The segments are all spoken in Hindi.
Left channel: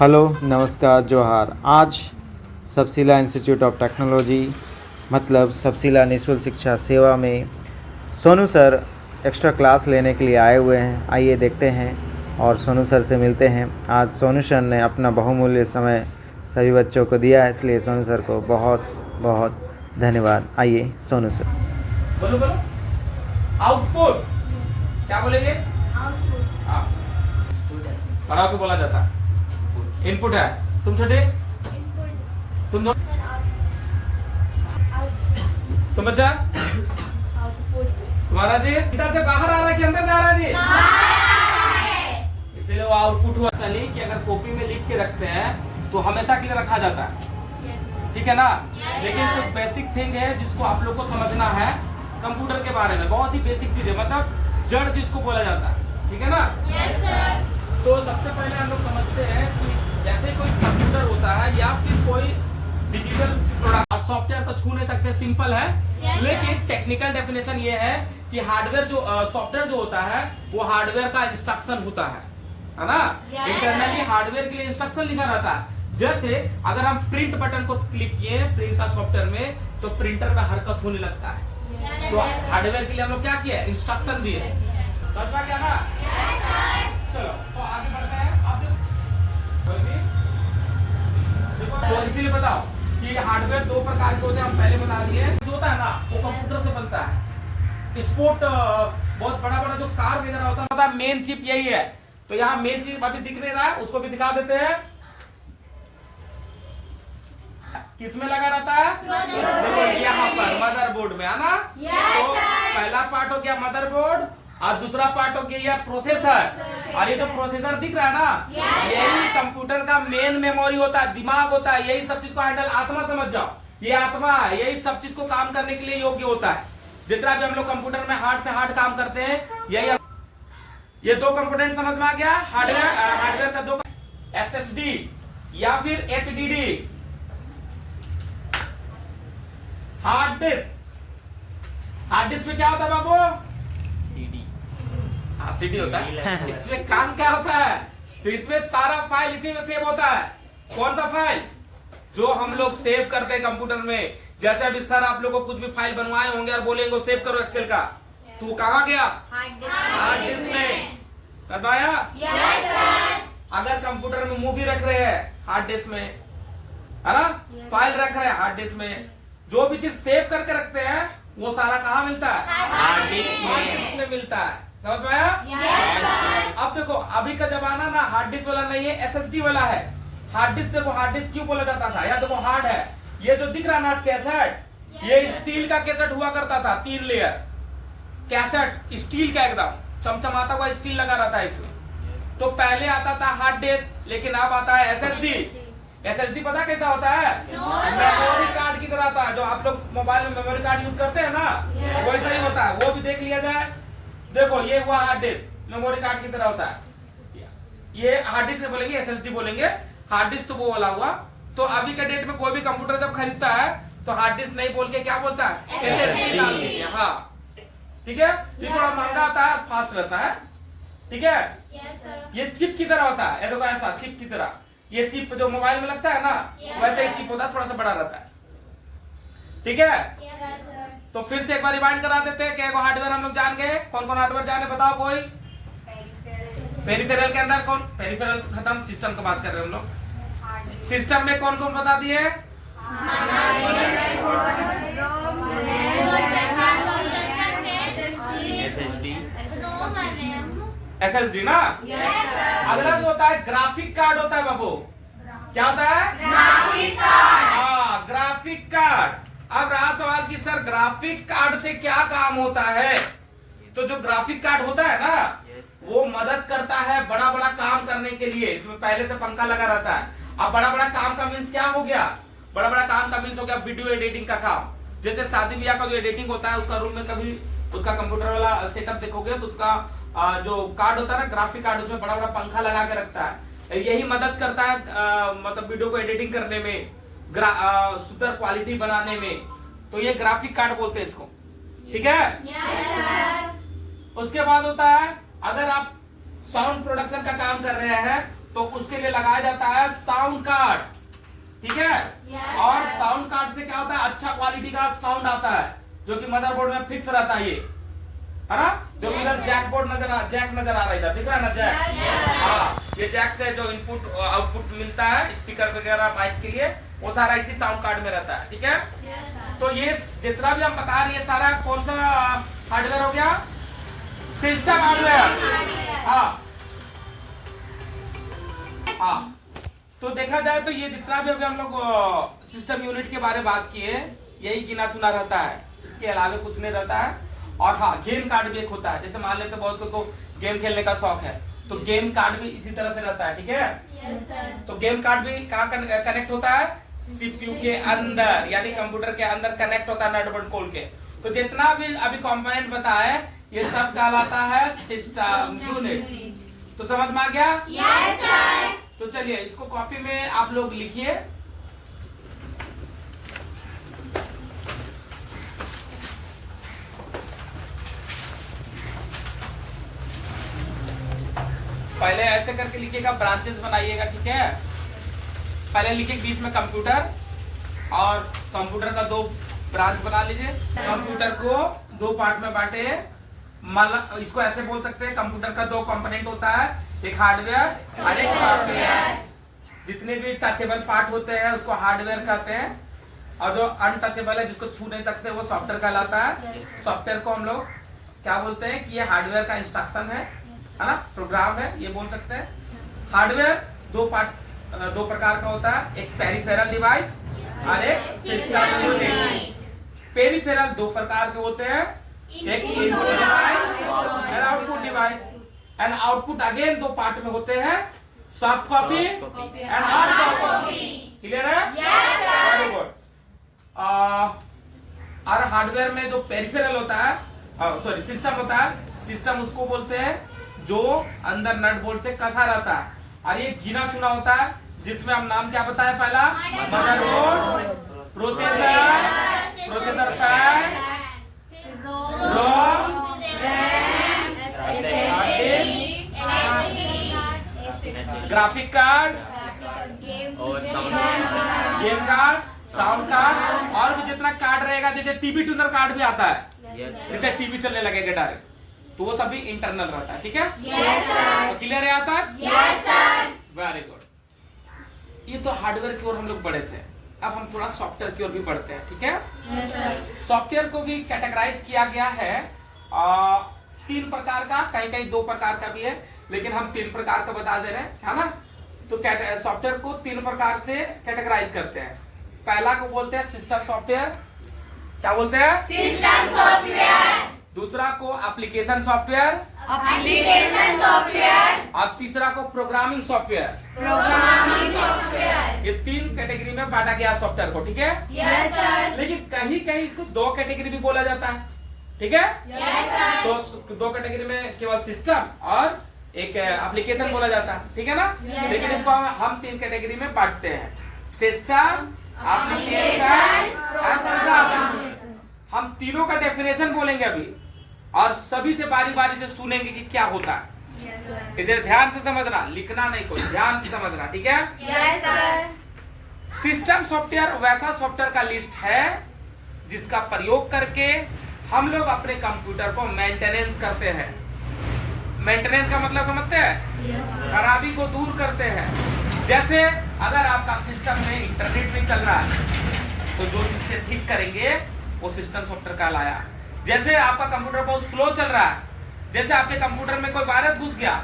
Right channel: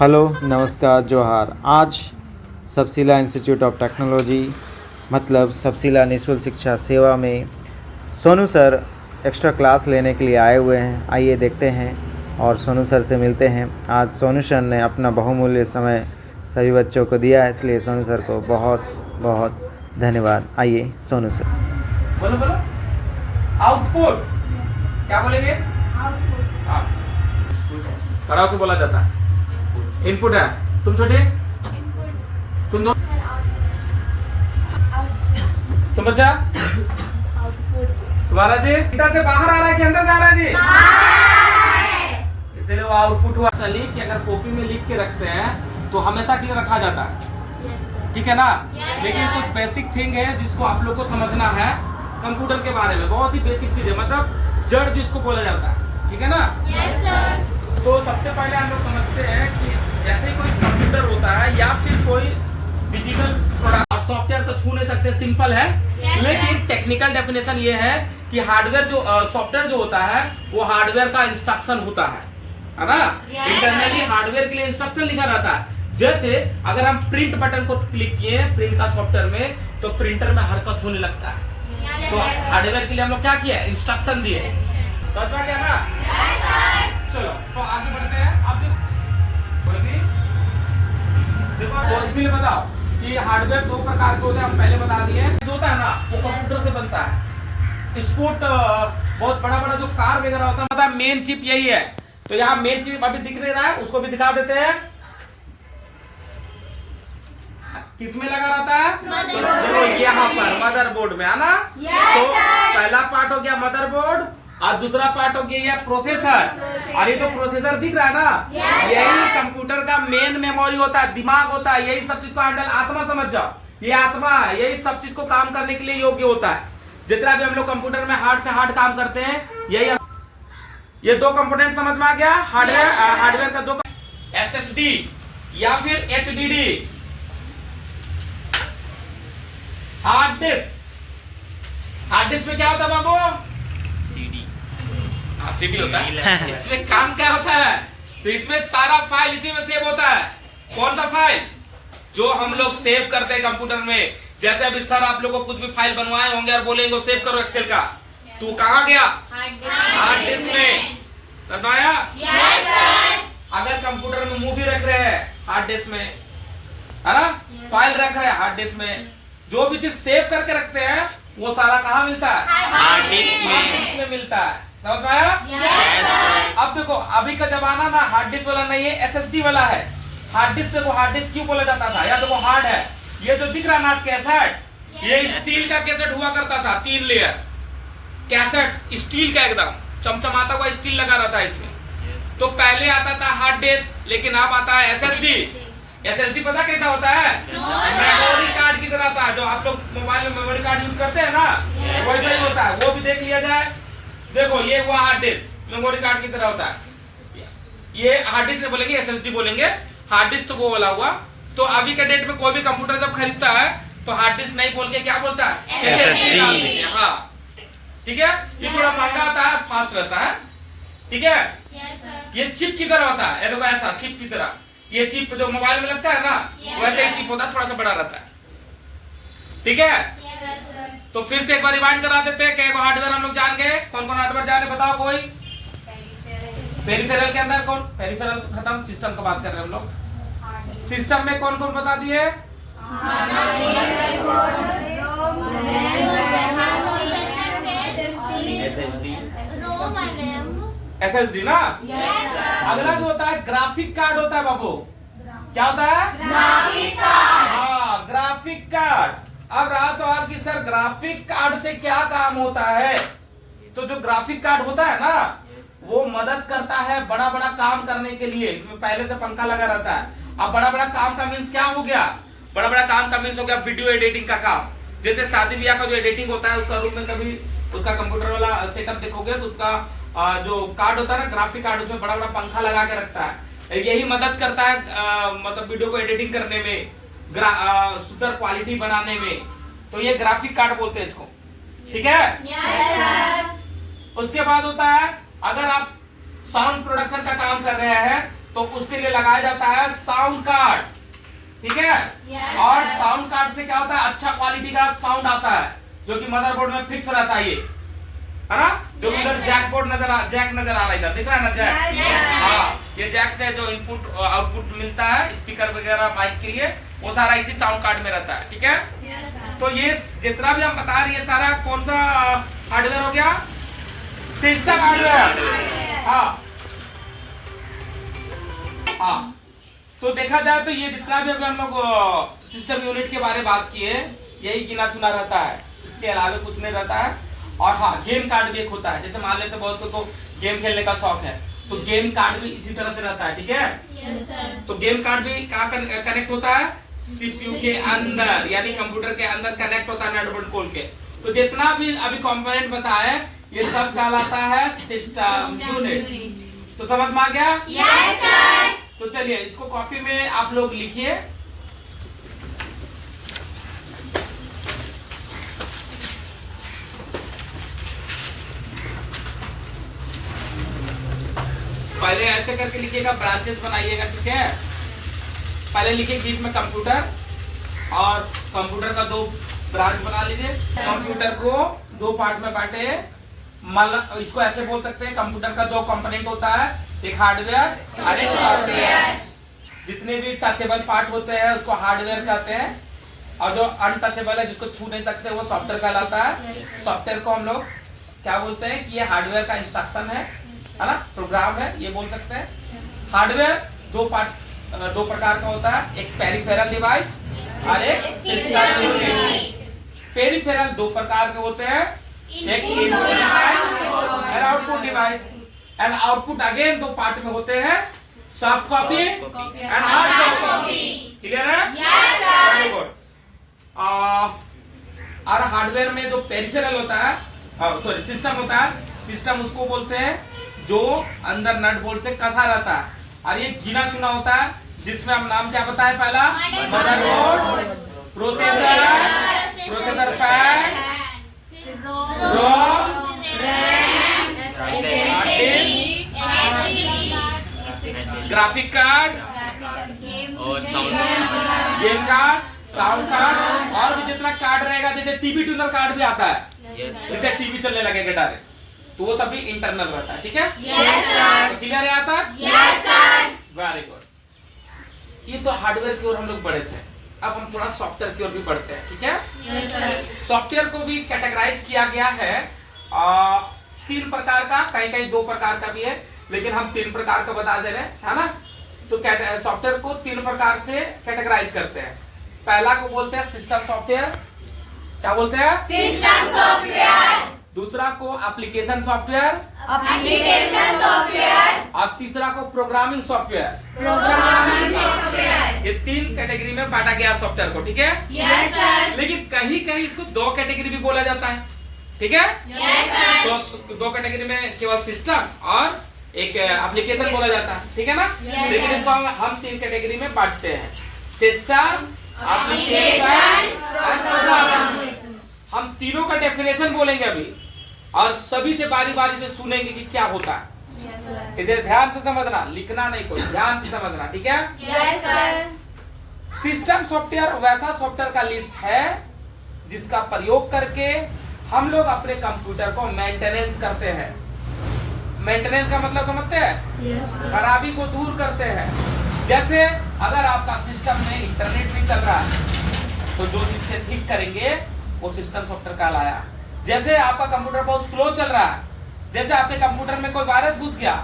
हेलो, नमस्कार, जोहार। आज सबसिला इंस्टीट्यूट ऑफ टेक्नोलॉजी मतलब सबसिला निःशुल्क शिक्षा सेवा में सोनू सर एक्स्ट्रा क्लास लेने के लिए आए हुए हैं। आइए देखते हैं और सोनू सर से मिलते हैं। आज सोनू सर ने अपना बहुमूल्य समय सभी बच्चों को दिया है, इसलिए सोनू सर को बहुत बहुत धन्यवाद। आइए सोनू सर। बोलो बोलो। आउटपुट क्या बोलेंगे? हाँ, खड़ा होकर बोला जाता है। इनपुट है। तुम छोटे तुम दो तुम बच्चा तुम्हारा जी इधर से बाहर आ रहा है कि अंदर जा रहा है जी? इसलिए वो आउटपुट हुआ कि अगर कॉपी में लिख के रखते हैं तो हमेशा के लिए रखा जाता है, ठीक है ना? लेकिन कुछ बेसिक थिंग है जिसको आप लोग को समझना है कंप्यूटर के बारे में। बहुत ही बेसिक चीज है, मतलब जड़ जिसको बोला जाता है, ठीक है ना? तो सबसे पहले हम लोग समझते हैं कि जैसे कोई कंप्यूटर होता है या फिर कोई डिजिटल प्रोडक्ट, आप सॉफ्टवेयर को छू नहीं सकते, सिंपल है। लेकिन टेक्निकल डेफिनेशन ये है कि हार्डवेयर जो सॉफ्टवेयर जो होता है वो हार्डवेयर का इंस्ट्रक्शन होता है ना? इंटरनली हार्डवेयर के लिए इंस्ट्रक्शन लिखा रहता है। जैसे अगर हम प्रिंट बटन को क्लिक किए प्रिंट का सॉफ्टवेयर में तो प्रिंटर में हरकत होने लगता है। तो हार्डवेयर के लिए हम लोग क्या किया? इंस्ट्रक्शन दिए। समझ में क्या ना? चलो तो आगे बढ़ते हैं। आप देखो तो इसीलिए बताओ कि हार्डवेयर दो प्रकार के होते हैं, हम पहले बता दिए। जो होता है ना वो कंप्यूटर से बनता है। स्पोर्ट बहुत बड़ा बड़ा जो कार वगैरह होता है मेन चिप यही है। तो यहाँ मेन चिप अभी दिख नहीं रहा है, उसको भी दिखा देते हैं। किसमें लगा रहता है? देखो यहाँ पर मदरबोर्ड में, है ना? तो पहला पार्ट हो गया मदरबोर्ड और दूसरा पार्ट हो गया ये प्रोसेसर। और ये तो प्रोसेसर दिख रहा है ना, यही कंप्यूटर का मेन मेमोरी होता है, दिमाग होता है। यही सब चीज को हैंडल, आत्मा समझ जाओ, ये आत्मा है। यही सब चीज को काम करने के लिए योग्य होता है। जितना भी हम लोग कंप्यूटर में हार्ड से हार्ड काम करते हैं, यही ये दो कंपोनेंट समझ में आ गया। हार्डवेयर का दो, एसएसडी या फिर HDD, hard disk. Hard disk में क्या होता है बाबू? सीडी होता है। इसमें काम क्या होता है? तो इसमें सारा फाइल इसी में सेव होता है। कौन सा फाइल? जो हम लोग सेव करते हैं कंप्यूटर में। जैसे अभी सर आप लोगों को कुछ भी फाइल बनवाए होंगे और बोलेंगे सेव करो एक्सेल का, तू कहाँ गया? हार्ड डिस्क में करवाया। अगर कंप्यूटर में मूवी रख रहे हैं हार्ड डिस्क में, है ना? फाइल रख रहे हैं हार्ड डिस्क में। जो भी चीज सेव करके रखते हैं वो सारा कहाँ मिलता है? हार्ड डिस्क में मिलता है। समझ में आया? अब देखो अभी का जमाना ना हार्ड डिस्क वाला नहीं है, एसएसडी वाला है। हार्ड डिस्क देखो, हार्ड डिस्क क्यों बोला जाता था? या देखो हार्ड है, ये जो दिख रहा ना कैसेट, ये स्टील का कैसेट हुआ करता था, 3 लेयर कैसेट, स्टील का एकदम चमचमाता हुआ स्टील लगा रहता है इसमें। तो पहले आता था हार्ड डिस्क, लेकिन अब आता है एसएसडी। एसएसडी पता कैसा होता है? मेमोरी कार्ड की तरह होता है। जो आप लोग मोबाइल में मेमोरी कार्ड यूज करते हैं ना, वैसा ही होता है। वो भी देख लिया जाए। देखो ये हुआ हार्ड डिस्क, मेमोरी कार्ड की तरह होता है। ये हार्ड डिस्क नहीं बोलेंगे, एसएसडी बोलेंगे। हार्ड डिस्क तो वो वाला हुआ। तो अभी के डेट में कोई भी कंप्यूटर जब खरीदता है तो हार्ड डिस्क नहीं बोल के क्या बोलता है? एसएसडी। हाँ ठीक है, ये थोड़ा महंगा आता है, फास्ट रहता है, ठीक है। ये चिप की तरह होता है, देखो ऐसा चिप की तरह। ये चिप जो मोबाइल में लगता है ना, वैसे ही चिप होता है, थोड़ा सा बड़ा रहता है, ठीक है। तो फिर से एक बार रिवाइंड करा देते हैं कि हार्डवेयर हम लोग जान गए। कौन कौन हार्डवेयर जाने बताओ कोई? पेरिफेरल के अंदर कौन? पेरिफेरल खत्म, सिस्टम की बात कर रहे हैं हम लोग। सिस्टम में कौन कौन बता दिए? एसएसडी ना। अगला जो होता है ग्राफिक कार्ड होता है बाबू। क्या होता है? Graphic card. हाँ, ग्राफिक कार्ड। अब रहा सवाल कि सर ग्राफिक कार्ड से क्या काम होता है? तो जो ग्राफिक कार्ड होता है ना, वो मदद करता है बड़ा बड़ा काम करने के लिए। इसमें पहले से पंखा लगा रहता है। अब बड़ा बड़ा काम का मीन्स क्या हो गया? बड़ा बड़ा काम का मीन्स हो गया वीडियो एडिटिंग का काम। जैसे शादी ब्याह का जो एडिटिंग होता है, उसका रूम में कभी उसका कंप्यूटर वाला सेटअप देखोगे तो उसका जो कार्ड होता है ना, ग्राफिक कार्ड, उसमें बड़ा बड़ा पंखा लगा के रखता है। यही मदद करता है मतलब वीडियो को एडिटिंग करने में, सुंदर क्वालिटी बनाने में। तो ये ग्राफिक कार्ड बोलते हैं इसको, ठीक है। उसके बाद होता है अगर आप साउंड प्रोडक्शन का काम कर रहे हैं तो उसके लिए लगाया जाता है साउंड कार्ड, ठीक है। और साउंड कार्ड से क्या होता है, अच्छा क्वालिटी का साउंड आता है जो कि मदरबोर्ड में फिक्स रहता है, ये है ना। जो इधर जैक नजर आ रहा है, इधर दिख रहा है ना जैक। हाँ, ये जैक से जो इनपुट आउटपुट मिलता है स्पीकर वगैरह माइक के लिए, वो सारा इसी साउंड कार्ड में रहता है, ठीक है। तो ये जितना भी हम बता रहे हैं सारा कौन सा हार्डवेयर हो गया, सिस्टम हार्डवेयर। हाँ हाँ, तो देखा जाए तो ये जितना भी अभी हम लोग सिस्टम यूनिट के बारे में बात किए, यही गिना चुना रहता है, इसके अलावा कुछ नहीं रहता है। और हाँ, गेम कार्ड भी एक होता है, जैसे मान लेते बहुत को गेम खेलने का शौक है, तो गेम कार्ड भी इसी तरह से रहता है, ठीक है। तो गेम कार्ड भी कहाँ कनेक्ट होता है, सीपीयू के अंदर, यानी कंप्यूटर के अंदर कनेक्ट होता है नेट बोर्ड खोल के। तो जितना भी अभी कंपोनेंट बताया ये सब कहलाता है सिस्टम यूनिट। तो समझ में आ गया? Yes sir. तो चलिए इसको कॉपी में आप लोग लिखिए। पहले ऐसे करके लिखिएगा, ब्रांचेस बनाइएगा, ठीक है। पहले लिखिए बीच में कंप्यूटर, और कंप्यूटर का दो ब्रांच बना लीजिए। कंप्यूटर को दो पार्ट में बांटे, इसको ऐसे बोल सकते हैं, कंप्यूटर का दो कंपोनेंट होता है, एक हार्डवेयर और एक सॉफ्टवेयर। जितने भी टचेबल पार्ट होते हैं उसको हार्डवेयर कहते हैं, और जो अनटचेबल है जिसको छू नहीं सकते वो सॉफ्टवेयर कहलाता है। सॉफ्टवेयर को हम लोग क्या बोलते हैं कि ये हार्डवेयर का इंस्ट्रक्शन है ना, प्रोग्राम है, ये बोल सकते हैं। हार्डवेयर दो प्रकार का होता है, एक पेरिफेरल डिवाइस और एक सिस्टम यूनिट। पेरिफेरल दो प्रकार के होते हैं, एक इनपुट डिवाइस और output device. And output again दो पार्ट में होते हैं, soft copy and hard copy. Clear है? Yes sir. Very good. और हार्डवेयर में जो पेरिफेरल होता है, सॉरी सिस्टम होता है, सिस्टम उसको बोलते हैं जो अंदर नट बोल्ट से कसा रहता है, और ये गिना चुना होता है, जिसमें हम नाम क्या बताए, पहला motherboard, processor pad, ROM, graphic card, game card, sound card, और भी जितना कार्ड रहेगा, जैसे टीवी ट्यूनर कार्ड भी आता है, जैसे टीवी चलने लगेगा डायरेक्ट, तो वो सभी इंटरनल रहता है, ठीक है। तो क्लियर है यहाँ तक? Very good. ये तो हार्डवेयर की ओर हम लोग बढ़े थे, अब हम थोड़ा सॉफ्टवेयर की ओर भी बढ़ते हैं, ठीक है। सॉफ्टवेयर को भी कैटेगराइज किया गया है तीन प्रकार का, कहीं कहीं दो प्रकार का भी है, लेकिन हम तीन प्रकार का बता दे रहे हैं, है ना। तो सॉफ्टवेयर को तीन प्रकार से कैटेगराइज करते हैं। पहला को बोलते हैं सिस्टम सॉफ्टवेयर, क्या बोलते हैं? System software. दूसरा को एप्लीकेशन सॉफ्टवेयर, एप्लीकेशन सॉफ्टवेयर। और तीसरा को प्रोग्रामिंग सॉफ्टवेयर। Programming software. ये तीन कैटेगरी में बांटा गया सॉफ्टवेयर को, ठीक है। Yes sir. लेकिन कहीं कहीं इसको दो कैटेगरी भी बोला जाता है, ठीक है। Yes sir. दो कैटेगरी में केवल सिस्टम और एक एप्लीकेशन बोला जाता है, ठीक है ना। Yes, लेकिन sir. इसको हम तीन कैटेगरी में बांटते हैं, सिस्टम, एप्लीकेशन और प्रोग्रामिंग। हम तीनों का डेफिनेशन बोलेंगे अभी, और सभी से बारी बारी से सुनेंगे कि क्या होता है। इधर ध्यान से समझना, लिखना नहीं, कोई ध्यान से समझना, ठीक है। Yes sir. सिस्टम सॉफ्टवेयर वैसा सॉफ्टवेयर का लिस्ट है जिसका प्रयोग करके हम लोग अपने कंप्यूटर को मेंटेनेंस करते हैं। मेंटेनेंस का मतलब समझते हैं? खराबी को दूर करते हैं। जैसे अगर आपका सिस्टम में इंटरनेट भी चल रहा है तो जो चीज से ठीक करेंगे वो सिस्टम सॉफ्टवेयर कहलाया। जैसे आपका कंप्यूटर बहुत स्लो चल रहा है, जैसे आपके कंप्यूटर में कोई वायरस घुस गया,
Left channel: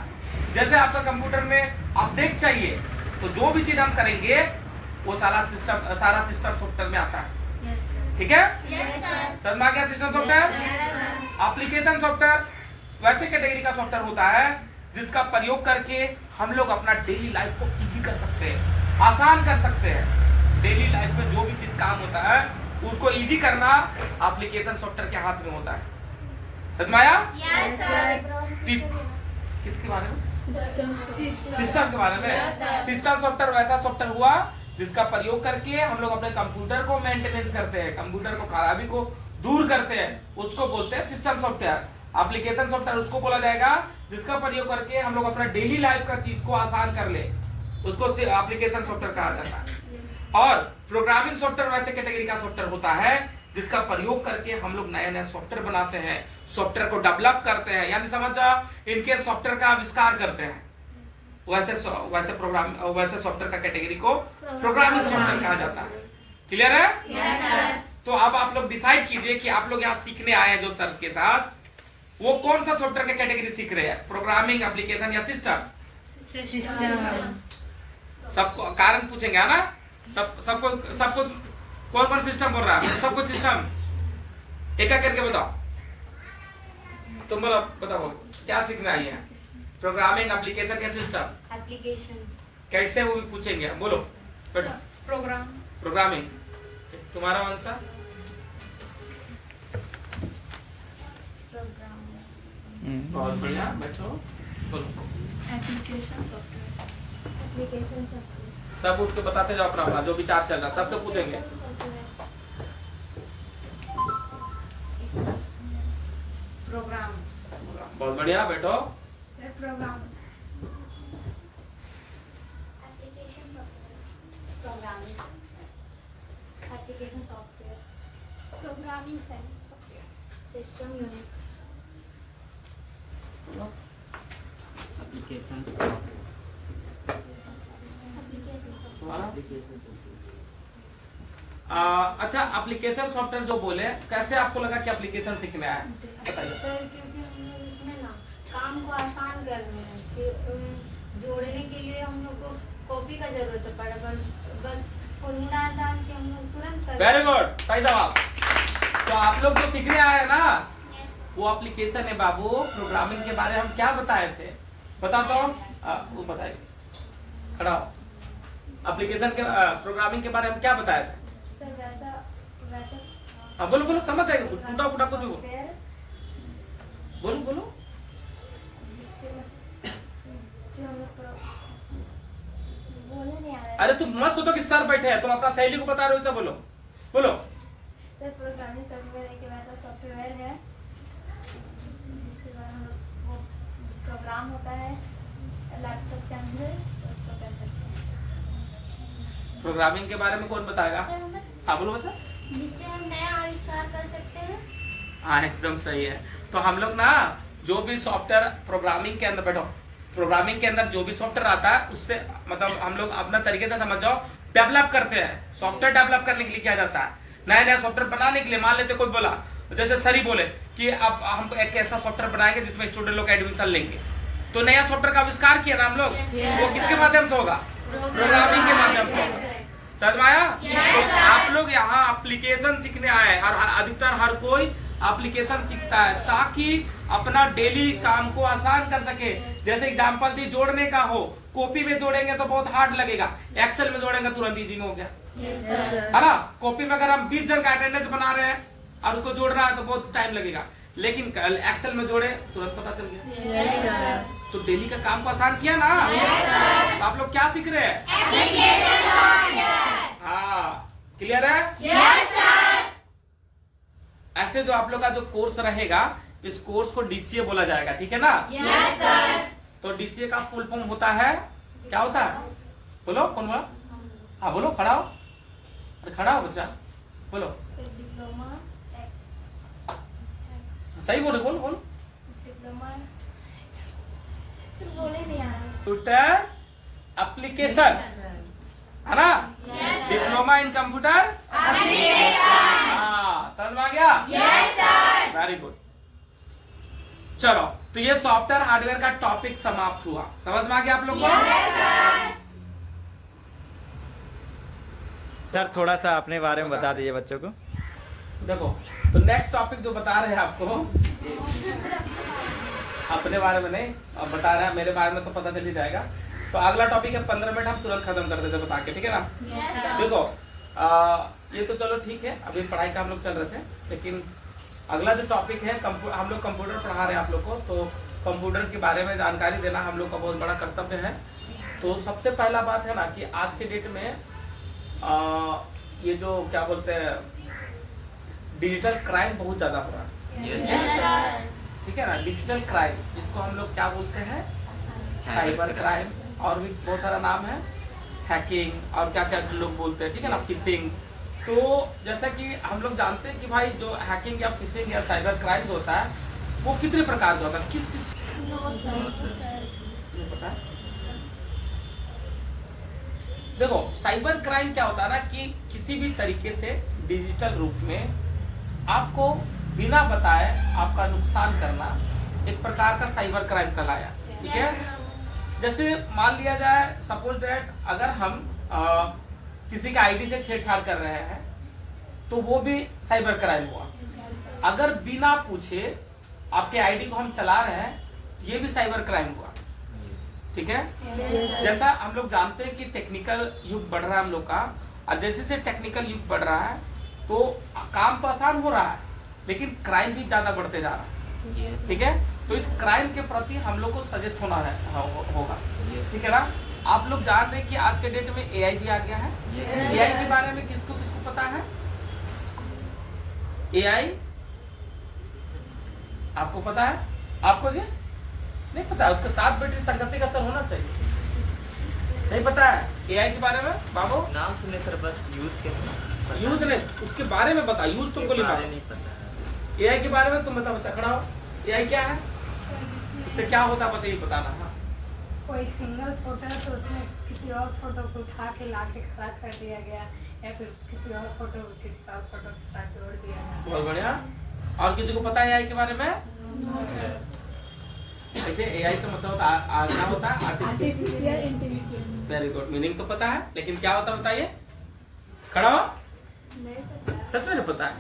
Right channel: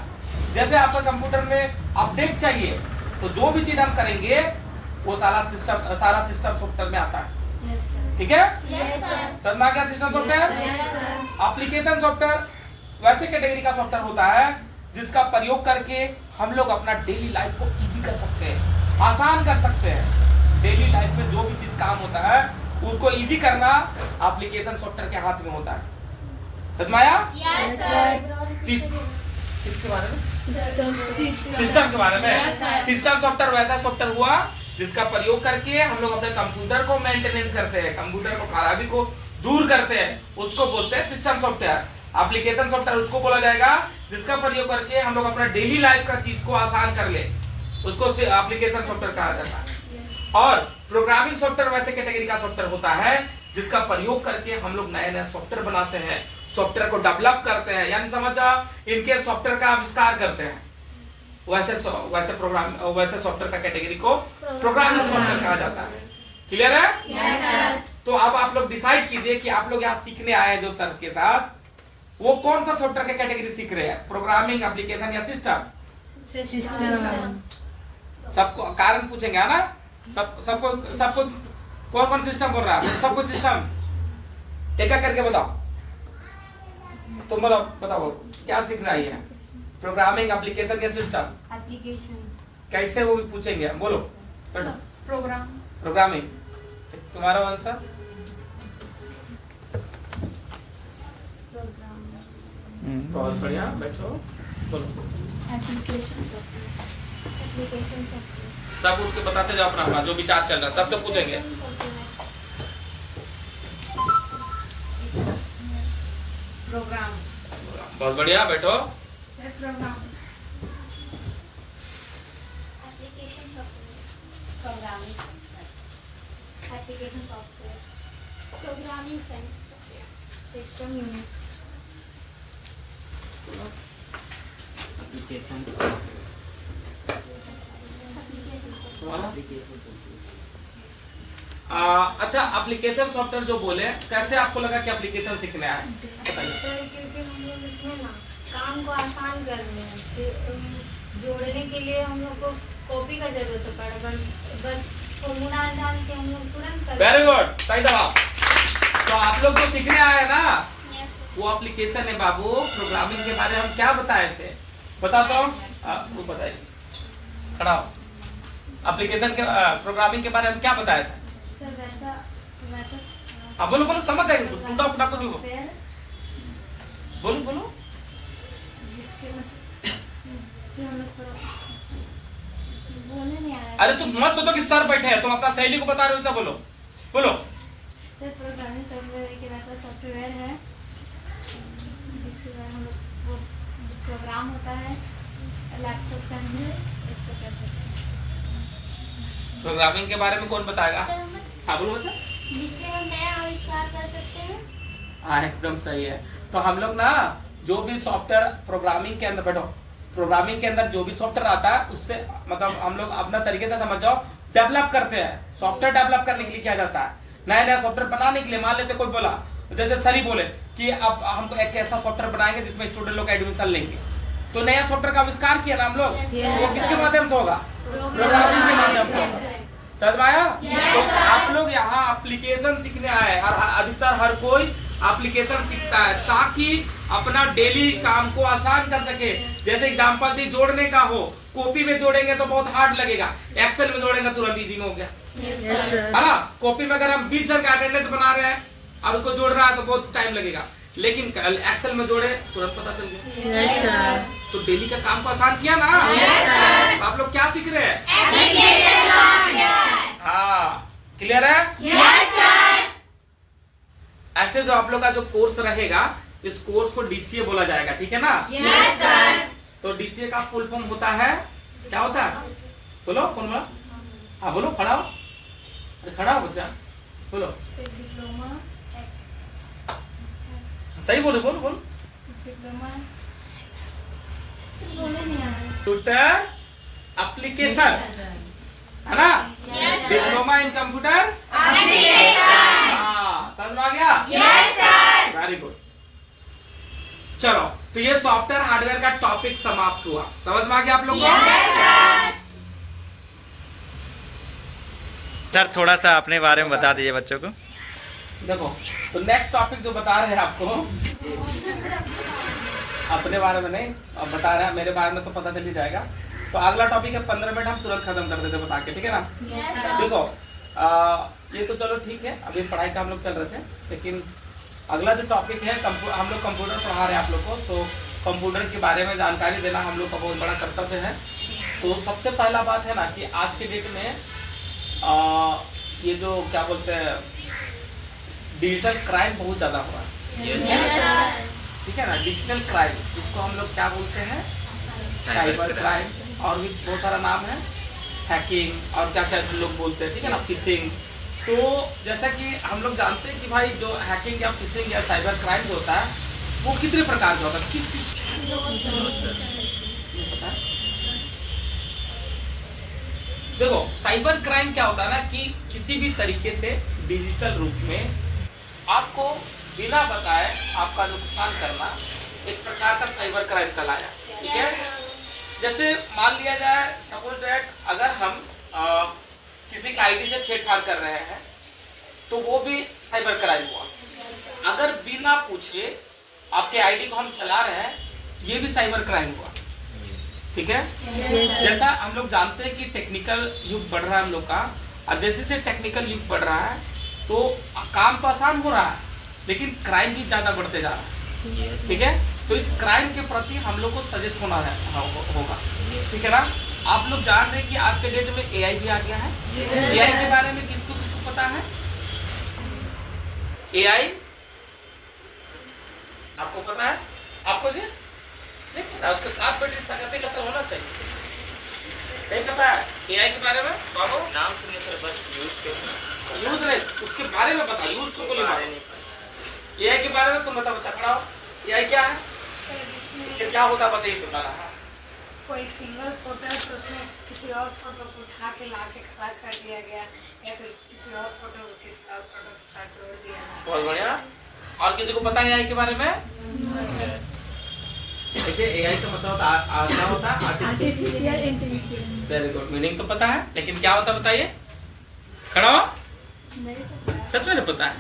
जैसे आपका कंप्यूटर में अपडेट चाहिए, तो जो भी चीज हम करेंगे वो सारा सिस्टम सॉफ्टवेयर में आता है, ठीक है। समझ में आ गया सिस्टम सॉफ्टवेयर? एप्लीकेशन सॉफ्टवेयर वैसे कैटेगरी का सॉफ्टवेयर होता है जिसका प्रयोग करके हम लोग अपना डेली लाइफ को इजी कर सकते हैं, आसान कर सकते हैं। डेली लाइफ में जो भी चीज काम होता है उसको इजी करना एप्लीकेशन सॉफ्टवेयर के हाथ में होता है। समझ में आया? Yes sir. किसके बारे में? सिस्टम के बारे में। सिस्टम सॉफ्टवेयर वैसा सॉफ्टवेयर हुआ जिसका प्रयोग करके हम लोग अपने कंप्यूटर को मेंटेनेंस करते हैं, कंप्यूटर को खराबी को दूर करते हैं, उसको बोलते हैं सिस्टम सॉफ्टवेयर। एप्लीकेशन सॉफ्टवेयर उसको बोला जाएगा जिसका प्रयोग करके हम लोग अपना डेली लाइफ का चीज को आसान कर ले, उसको एप्लीकेशन सॉफ्टवेयर कहा जाता है। और प्रोग्रामिंग सॉफ्टवेयर वैसे कैटेगरी का सॉफ्टवेयर होता है जिसका प्रयोग करके हम लोग नए नए सॉफ्टवेयर बनाते हैं, सॉफ्टवेयर को डेवलप करते हैं, यानी समझ जाओ इनके सॉफ्टवेयर का आविष्कार करते हैं। वैसे सॉफ्टवेयर का कैटेगरी को प्रोग्रामिंग सॉफ्टवेयर कहा जाता है। क्लियर है? Yes sir. तो अब आप लोग डिसाइड कीजिए कि आप लोग यहाँ सीखने आए हैं जो सर के साथ, वो कौन सा सॉफ्टवेयर का कैटेगरी सीख रहे हैं, प्रोग्रामिंग, एप्लीकेशन या सिस्टम? सिस्टम। सबको कारण पूछेंगे है ना? सबको कौन कौन सिस्टम बोल रहा है? सबको सिस्टम एक एक करके बताओ। तुम बोलो, बताओ क्या सीखने आई है, प्रोग्रामिंग, एप्लीकेशन या सिस्टम? एप्लीकेशन। कैसे वो भी पूछेंगे, बोलो। प्रोग्राम। प्रोग्रामिंग। तुम्हारा आंसर? प्रोग्राम। बहुत बढ़िया, बैठो बोलो। Application software. Application software. सब उठ के बताते जाओ अपना अपना जो विचार चल रहा है, सब तो पूछेंगे। प्रोग्राम। बहुत बढ़िया, बैठो। Program. Application software. Programming software. Application software. Programming software. System unit. Application तुम्हारा? एप्लीकेशन सॉफ्टवेयर अच्छा, एप्लीकेशन सॉफ्टवेयर जो बोले, कैसे आपको लगा कि एप्लीकेशन सीखने आए? बताइए। सर क्योंकि हम लोग इसमें ना काम को आसान कर रहे हैं, फिर जोड़ने के लिए हम लोग को कॉपी का जरूरत पड़ा, बस फॉर्मूला डाल के हम लोग तुरंत कर। वेरी गुड, सही जवाब। तो आप लोग जो सीखने आए हैं ना, वो एप्लीकेशन है बाबू। प्रोग्रामिंग के बारे में हम क्या बताए थे, बताता हूँ, वो बताइए, खड़ा हो। एप्लीकेशन के प्रोग्रामिंग के बारे में क्या बताए थे? सर वैसा वैसा हाँ बोलो बोलो, समझ जाएगी, टूटा फूटा कुछ भी बोलो। सॉफ्टवेयर बोलो बोलो। जिसके जो हम लोग बोलने नहीं आ रहा है। अरे तुम मत सोचो कि सर बैठे हैं, तुम अपना सहेली को बता रहे हो, अच्छा बोलो बोलो। सर प्रोग्रामिंग सॉफ्टवेयर एक वैसा सॉफ्टवेयर है जिसके बाद हम लोग वो प्रोग्राम होता है लैपटॉप के अंदर, इसको कर सकते हैं। प्रोग्रामिंग के बारे में कौन बताएगा? हाँ बोलो बच्चा। जिससे हम नया आविष्कार कर सकते हैं। हाँ एकदम सही है। तो हम लोग ना जो भी सॉफ्टवेयर प्रोग्रामिंग के अंदर, बैठो, प्रोग्रामिंग के अंदर जो भी सॉफ्टवेयर आता है उससे मतलब हम लोग अपना तरीके से समझ जाओ डेवलप करते हैं। सॉफ्टवेयर डेवलप करने के लिए क्या जाता है, नया नया सॉफ्टवेयर बनाने के लिए। मान लेते कोई बोला, जैसे सर ही बोले कि अब हमको एक ऐसा सॉफ्टवेयर बनाएंगे जिसमें स्टूडेंट लोग एडमिशन लेंगे, तो नया सॉफ्टवेयर का आविष्कार किया ना हम लोग, वो किसके माध्यम से होगा? प्रोग्रामिंग के माध्यम से होगा। समझ में आया? तो आप लोग यहाँ एप्लीकेशन सीखने आए हैं और अधिकतर हर कोई एप्लीकेशन सीखता है ताकि अपना डेली काम को आसान कर सके। जैसे एग्जांपल दी, जोड़ने का हो, कॉपी में जोड़ेंगे तो बहुत हार्ड लगेगा, एक्सेल में जोड़ेंगे तुरंत इजी में हो गया, है ना? कॉपी में अगर हम 20 जन का अटेंडेंस बना रहे हैं और उसको जोड़ रहा है तो बहुत टाइम लगेगा, लेकिन एक्सेल में जोड़े तुरंत पता चल गया। तो डेली का काम को आसान किया ना। तो आप लोग क्या सीख रहे हैं? हाँ, क्लियर है? ऐसे जो आप लोग का जो कोर्स रहेगा, इस कोर्स को डीसीए बोला जाएगा, ठीक है ना? तो डीसीए का फुल फॉर्म होता है, क्या होता है? बोलो, कौन बोला? हाँ बोलो, खड़ा हो, अरे खड़ा हो बच्चा, बोलो। डिप्लोमा। सही बोलो, बोलो बोलो। डिप्लोमा बोले नहीं आ रहा। कंप्यूटर एप्लीकेशन, है ना? Diploma in computer. हाँ, समझ में आ गया? Very good. चलो, तो ये सॉफ्टवेयर हार्डवेयर का टॉपिक समाप्त हुआ। समझ में आ गया आप लोग को? सर थोड़ा सा अपने बारे में बता दीजिए बच्चों को। देखो, तो नेक्स्ट टॉपिक जो बता रहे हैं आपको, अपने बारे में नहीं, अब बता रहे हैं, मेरे बारे में तो पता चल ही जाएगा। तो अगला टॉपिक है 15 मिनट हम तुरंत खत्म कर देते बता के, ठीक है ना? देखो, ये तो चलो ठीक है, अभी पढ़ाई का हम लोग चल रहे थे, लेकिन अगला जो टॉपिक है, हम लोग कंप्यूटर पढ़ा रहे हैं आप लोग को, तो कंप्यूटर के बारे में जानकारी देना हम लोग का बहुत बड़ा कर्तव्य है। तो सबसे पहला बात है ना कि आज के डेट में ये जो क्या बोलते हैं, डिजिटल क्राइम बहुत ज्यादा हो रहा है, ठीक है ना? डिजिटल क्राइम, इसको हम लोग क्या बोलते हैं? साइबर क्राइम और भी बहुत सारा नाम है, हैकिंग और क्या क्या लोग बोलते हैं, ठीक है ना, फिशिंग। तो जैसा कि हम लोग जानते हैं कि भाई जो हैकिंग या फिशिंग या साइबर क्राइम जो होता है वो कितने प्रकार का होता है, किस पता है? देखो साइबर क्राइम क्या होता है ना कि किसी भी तरीके से डिजिटल रूप में आपको बिना बताए आपका नुकसान करना एक प्रकार का साइबर क्राइम कहलाया, ठीक है। जैसे मान लिया जाए सपोज दैट अगर हम किसी का आईडी से छेड़छाड़ कर रहे हैं तो वो भी साइबर क्राइम हुआ। अगर बिना पूछे आपके आईडी को हम चला रहे हैं ये भी साइबर क्राइम हुआ, ठीक है। जैसा हम लोग जानते हैं कि टेक्निकल युग बढ़ रहा है हम लोग का, और जैसे से टेक्निकल युग बढ़ रहा है तो काम तो आसान हो रहा है लेकिन क्राइम भी ज्यादा बढ़ते जा रहा है, ठीक है। तो इस क्राइम के प्रति हम लोग को सचेत होना है होगा, ठीक है ना। आप लोग जान रहे हैं कि आज के डेट में एआई भी आ गया है। एआई के बारे में किसको किसको पता है? एआई आपको पता है? आपको जी नहीं पता? उसके साथ बैटरी संगति का असर होना चाहिए, नहीं पता है एआई के बारे में? बाबू नाम सुनिए सर, बस यूज यूज नहीं, उसके बारे में बता, यूज तुमको नहीं मालूम। एआई के बारे में तुम बता, बच्चा खड़ा हो। एआई क्या है, इससे क्या होता है बताइए, बता रहा है। कोई सिंगल फोटो है तो उसमें किसी और फोटो को उठा के ला के खड़ा कर दिया गया, या फिर किसी और फोटो को किसी और फोटो के साथ जोड़ दिया। बहुत बढ़िया। और किसी को पता है एआई के बारे में? ऐसे एआई का मतलब क्या होता है? Artificial intelligence. Very good, meaning तो पता है लेकिन क्या होता है बताइए, खड़ा हो। सच में नहीं पता है?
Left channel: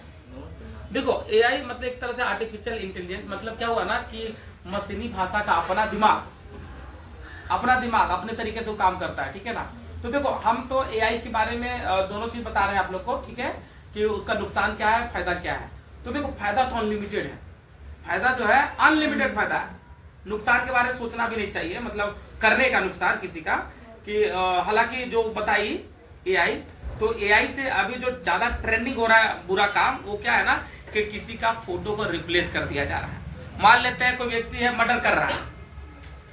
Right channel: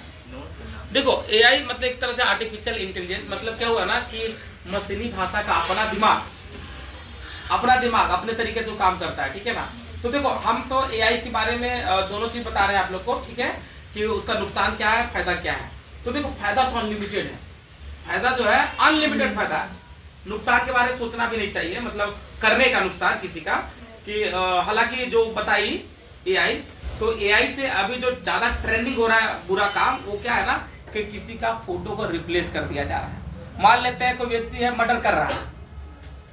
देखो एआई मतलब एक तरह से आर्टिफिशियल इंटेलिजेंस, मतलब क्या हुआ ना कि मशीनी भाषा का अपना दिमाग अपने तरीके से काम करता है, ठीक है ना। तो देखो हम तो एआई के बारे में दोनों चीज बता रहे हैं आप लोग को, ठीक है, कि उसका नुकसान क्या है, फायदा क्या है। तो देखो फायदा तो अनलिमिटेड है, फायदा जो है अनलिमिटेड फायदा है। नुकसान के बारे में सोचना भी नहीं चाहिए, मतलब करने का नुकसान किसी का, कि हालांकि जो बताई एआई, तो एआई से अभी जो ज्यादा ट्रेंडिंग हो रहा है बुरा काम, वो क्या है ना कि किसी का फोटो को रिप्लेस कर दिया जा रहा है। मान लेते हैं कोई व्यक्ति है मर्डर कर रहा है,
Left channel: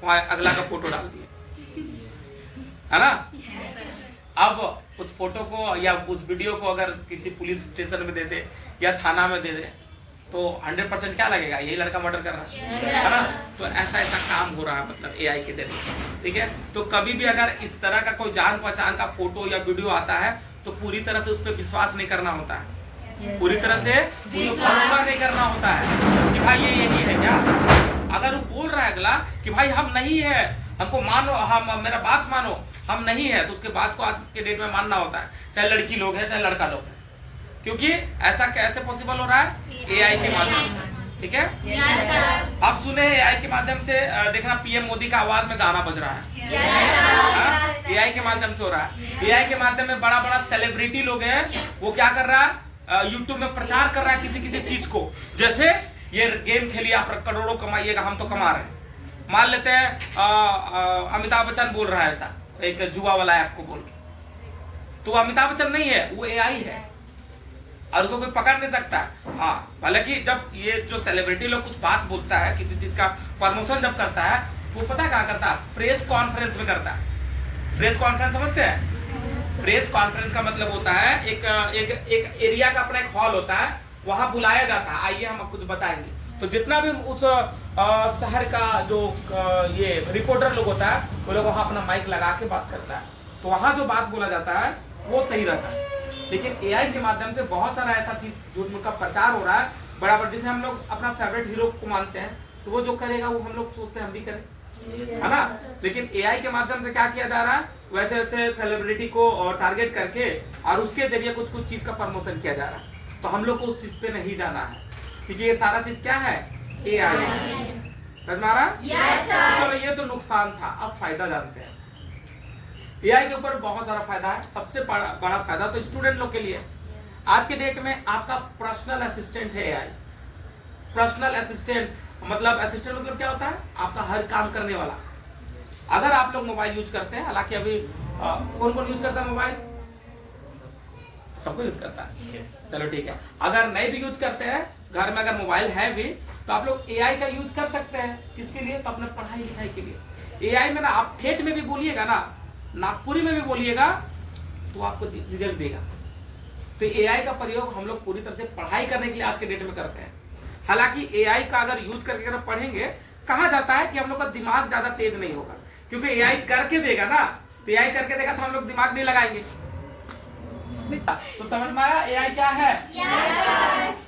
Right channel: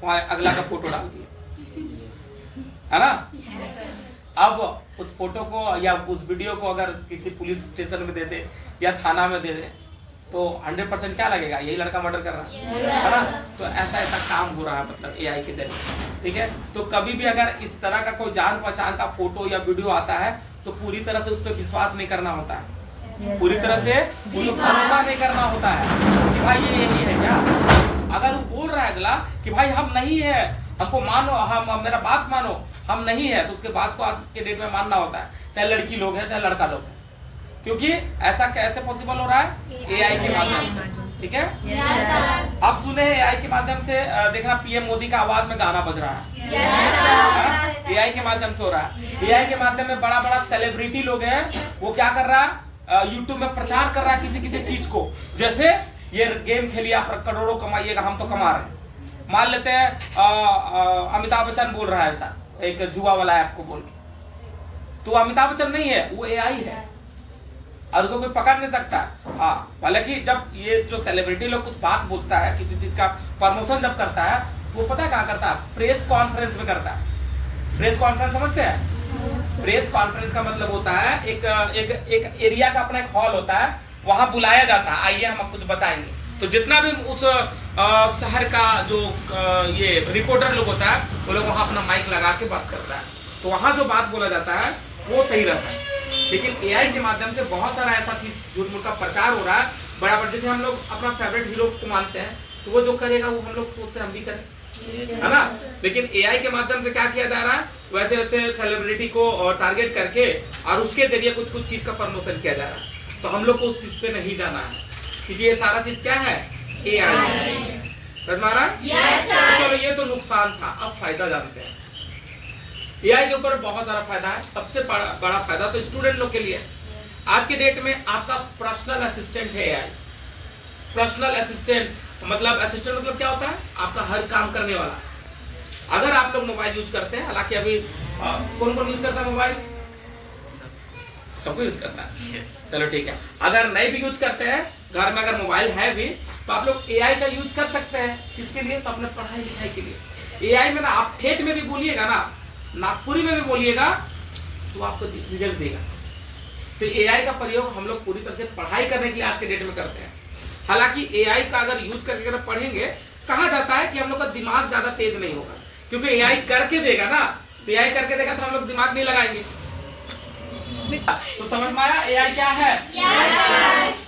वहां अगला का फोटो डाल दिया, है ना। अब उस फोटो को या उस वीडियो को अगर किसी पुलिस स्टेशन में दे दे या थाना में दे दे तो 100% क्या लगेगा, यही लड़का मर्डर कर रहा है ना। तो ऐसा काम हो रहा है मतलब एआई के जरिए, ठीक है। तो कभी भी अगर इस तरह का कोई जान पहचान का फोटो या वीडियो आता है तो पूरी तरह से उस पर विश्वास नहीं करना होता है, पूरी तरह से भरोसा नहीं करना होता है कि भाई ये यही है क्या। अगर वो बोल रहा है अगला कि भाई हम नहीं है, हमको मानो, हम मेरा बात मानो, हम नहीं है, तो उसके बात को आज के डेट में मानना होता है, चाहे लड़की लोग है चाहे लड़का लोग है, क्योंकि ऐसा कैसे पॉसिबल हो रहा है, एआई के माध्यम से, ठीक है। अब सुने एआई के माध्यम से देखना पीएम मोदी का आवाज में गाना बज रहा है, एआई के माध्यम से हो रहा है। एआई के माध्यम में बड़ा बड़ा सेलिब्रिटी लोग हैं, वो क्या कर रहा है, यूट्यूब में प्रचार कर रहा है किसी किसी चीज को, जैसे ये गेम खेलिए आप करोड़ों कमाइएगा, हम तो कमा रहे हैं। मान लेते हैं अमिताभ बच्चन बोल रहा है ऐसा, एक जुआ वाला ऐप को बोल के, तो अमिताभ बच्चन नहीं है, वो एआई है और उसको कोई पकड़ नहीं सकता। हाँ, हालांकि जब ये जो सेलिब्रिटी लोग कुछ बात बोलता है, किसी चीज का प्रमोशन जब करता है, वो पता क्या करता है, प्रेस कॉन्फ्रेंस में करता है। प्रेस कॉन्फ्रेंस समझते हैं? प्रेस कॉन्फ्रेंस का मतलब होता है एक एरिया का अपना एक हॉल होता है, वहां बुलाया जाता है, आइए हम कुछ बताएंगे। तो जितना भी उस शहर का जो ये रिपोर्टर लोग होता है, वो लोग वहां अपना माइक लगा के बात करता है, तो वहां जो बात बोला जाता है वो सही रहता है। लेकिन एआई के माध्यम से बहुत सारा ऐसा चीज झूठ मूठ का प्रचार हो रहा है बराबर। जैसे हम लोग अपना फेवरेट हीरो को मानते हैं, तो वो जो करेगा वो हम लोग सोचते हैं हम भी करें, है ना। लेकिन एआई के माध्यम से क्या किया जा रहा है, वैसे वैसे सेलिब्रिटी को टारगेट करके और उसके जरिए कुछ कुछ चीज का प्रमोशन किया जा रहा है। तो हम लोग को उस चीज पे नहीं जाना है, क्योंकि ये सारा चीज क्या है, एआई है। समझ में आ रहा है? चलो ये तो नुकसान था, अब फायदा जानते हैं। एआई के ऊपर बहुत सारा फायदा है। सबसे बड़ा फायदा तो स्टूडेंट लोग के लिए, आज के डेट में आपका पर्सनल असिस्टेंट है एआई। पर्सनल असिस्टेंट मतलब क्या होता है, आपका हर काम करने वाला। अगर आप लोग मोबाइल यूज करते हैं, हालांकि अभी कौन कौन यूज करता है मोबाइल, सबको यूज करता है, चलो ठीक है। अगर नहीं भी यूज करते हैं, घर में अगर मोबाइल है भी, तो आप लोग एआई का यूज कर सकते हैं। किसके लिए? तो अपने पढ़ाई लिखाई के लिए। एआई में ना आप ठेठ में भी बोलिएगा ना, नागपुरी में भी बोलिएगा तो आपको रिजल्ट देगा। तो एआई का प्रयोग हम लोग पूरी तरह से पढ़ाई करने के लिए आज के डेट में करते हैं। हालांकि एआई का अगर यूज करके अगर पढ़ेंगे, कहा जाता है कि हम लोग का दिमाग ज्यादा तेज नहीं होगा, क्योंकि एआई करके देगा ना, तो एआई करके देगा तो हम लोग दिमाग नहीं लगाएंगे। तो समझ में आया एआई क्या है?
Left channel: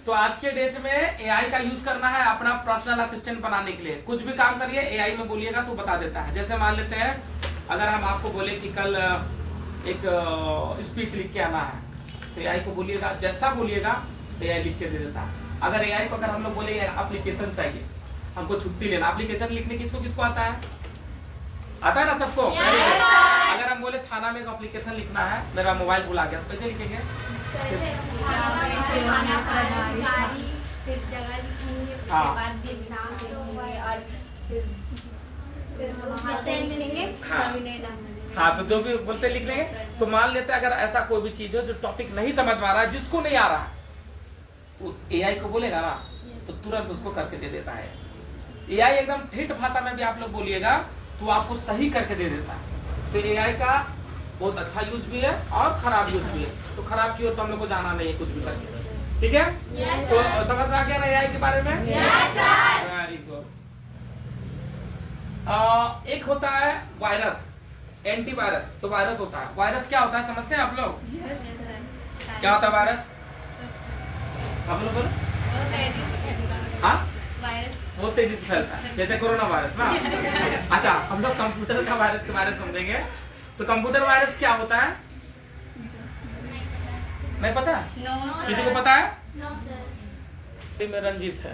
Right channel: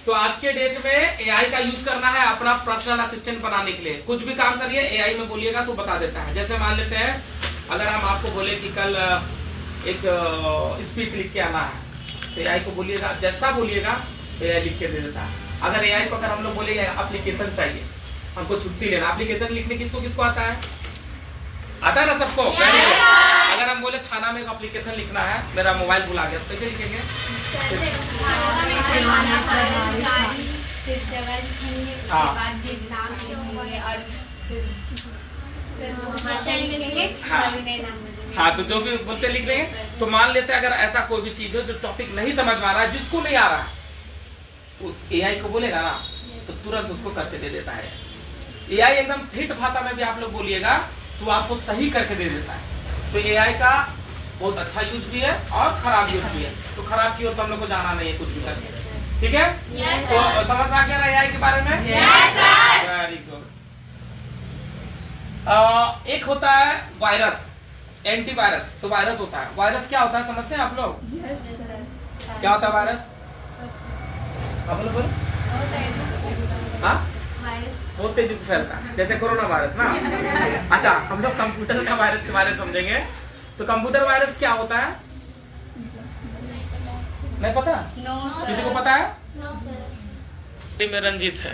तो आज के डेट में एआई का यूज करना है अपना पर्सनल असिस्टेंट बनाने के लिए। कुछ भी काम करिए एआई में बोलिएगा तो बता देता है। जैसे मान लेते हैं अगर हम आपको बोले कि कल एक स्पीच लिख के आना है, तो एआई को बोलिएगा, जैसा बोलिएगा तो एआई लिख के दे देता है। अगर एआई को अगर हम लोग बोले एप्लीकेशन चाहिए, हमको छुट्टी लेना, एप्लीकेशन लिखने किसको आता है? आता है ना सबको? अगर हम बोले थाना में एक एप्लीकेशन लिखना है, मेरा मोबाइल भुला गया, तो कैसे लिखेंगे? हाँ, तो जो भी बोलते लिख लेंगे। तो मान लेते हैं अगर ऐसा कोई भी चीज हो जो टॉपिक नहीं समझ में आ रहा है, जिसको नहीं आ रहा है, तो एआई को बोलेगा ना तो तुरंत उसको करके दे देता है। एआई एकदम ठेठ भाषा में भी आप लोग बोलिएगा तो आपको सही करके दे देता है। तो एआई का बहुत अच्छा यूज भी है और खराब यूज भी है। तो खराब की ओर तो हम लोग को जाना नहीं है कुछ भी करके, ठीक है? तो समझ में आ गया एआई के बारे में? Very good. एक होता है वायरस, एंटीवायरस। तो वायरस होता है, वायरस क्या होता है समझते हैं आप लोग? क्या होता है वायरस? हाँ, बहुत तेजी से फैलता है, जैसे कोरोना वायरस ना। अच्छा, हम लोग कंप्यूटर का वायरस के बारे में समझेंगे। तो कंप्यूटर वायरस क्या होता है? नहीं पता? किसी को पता है? में रंजित है।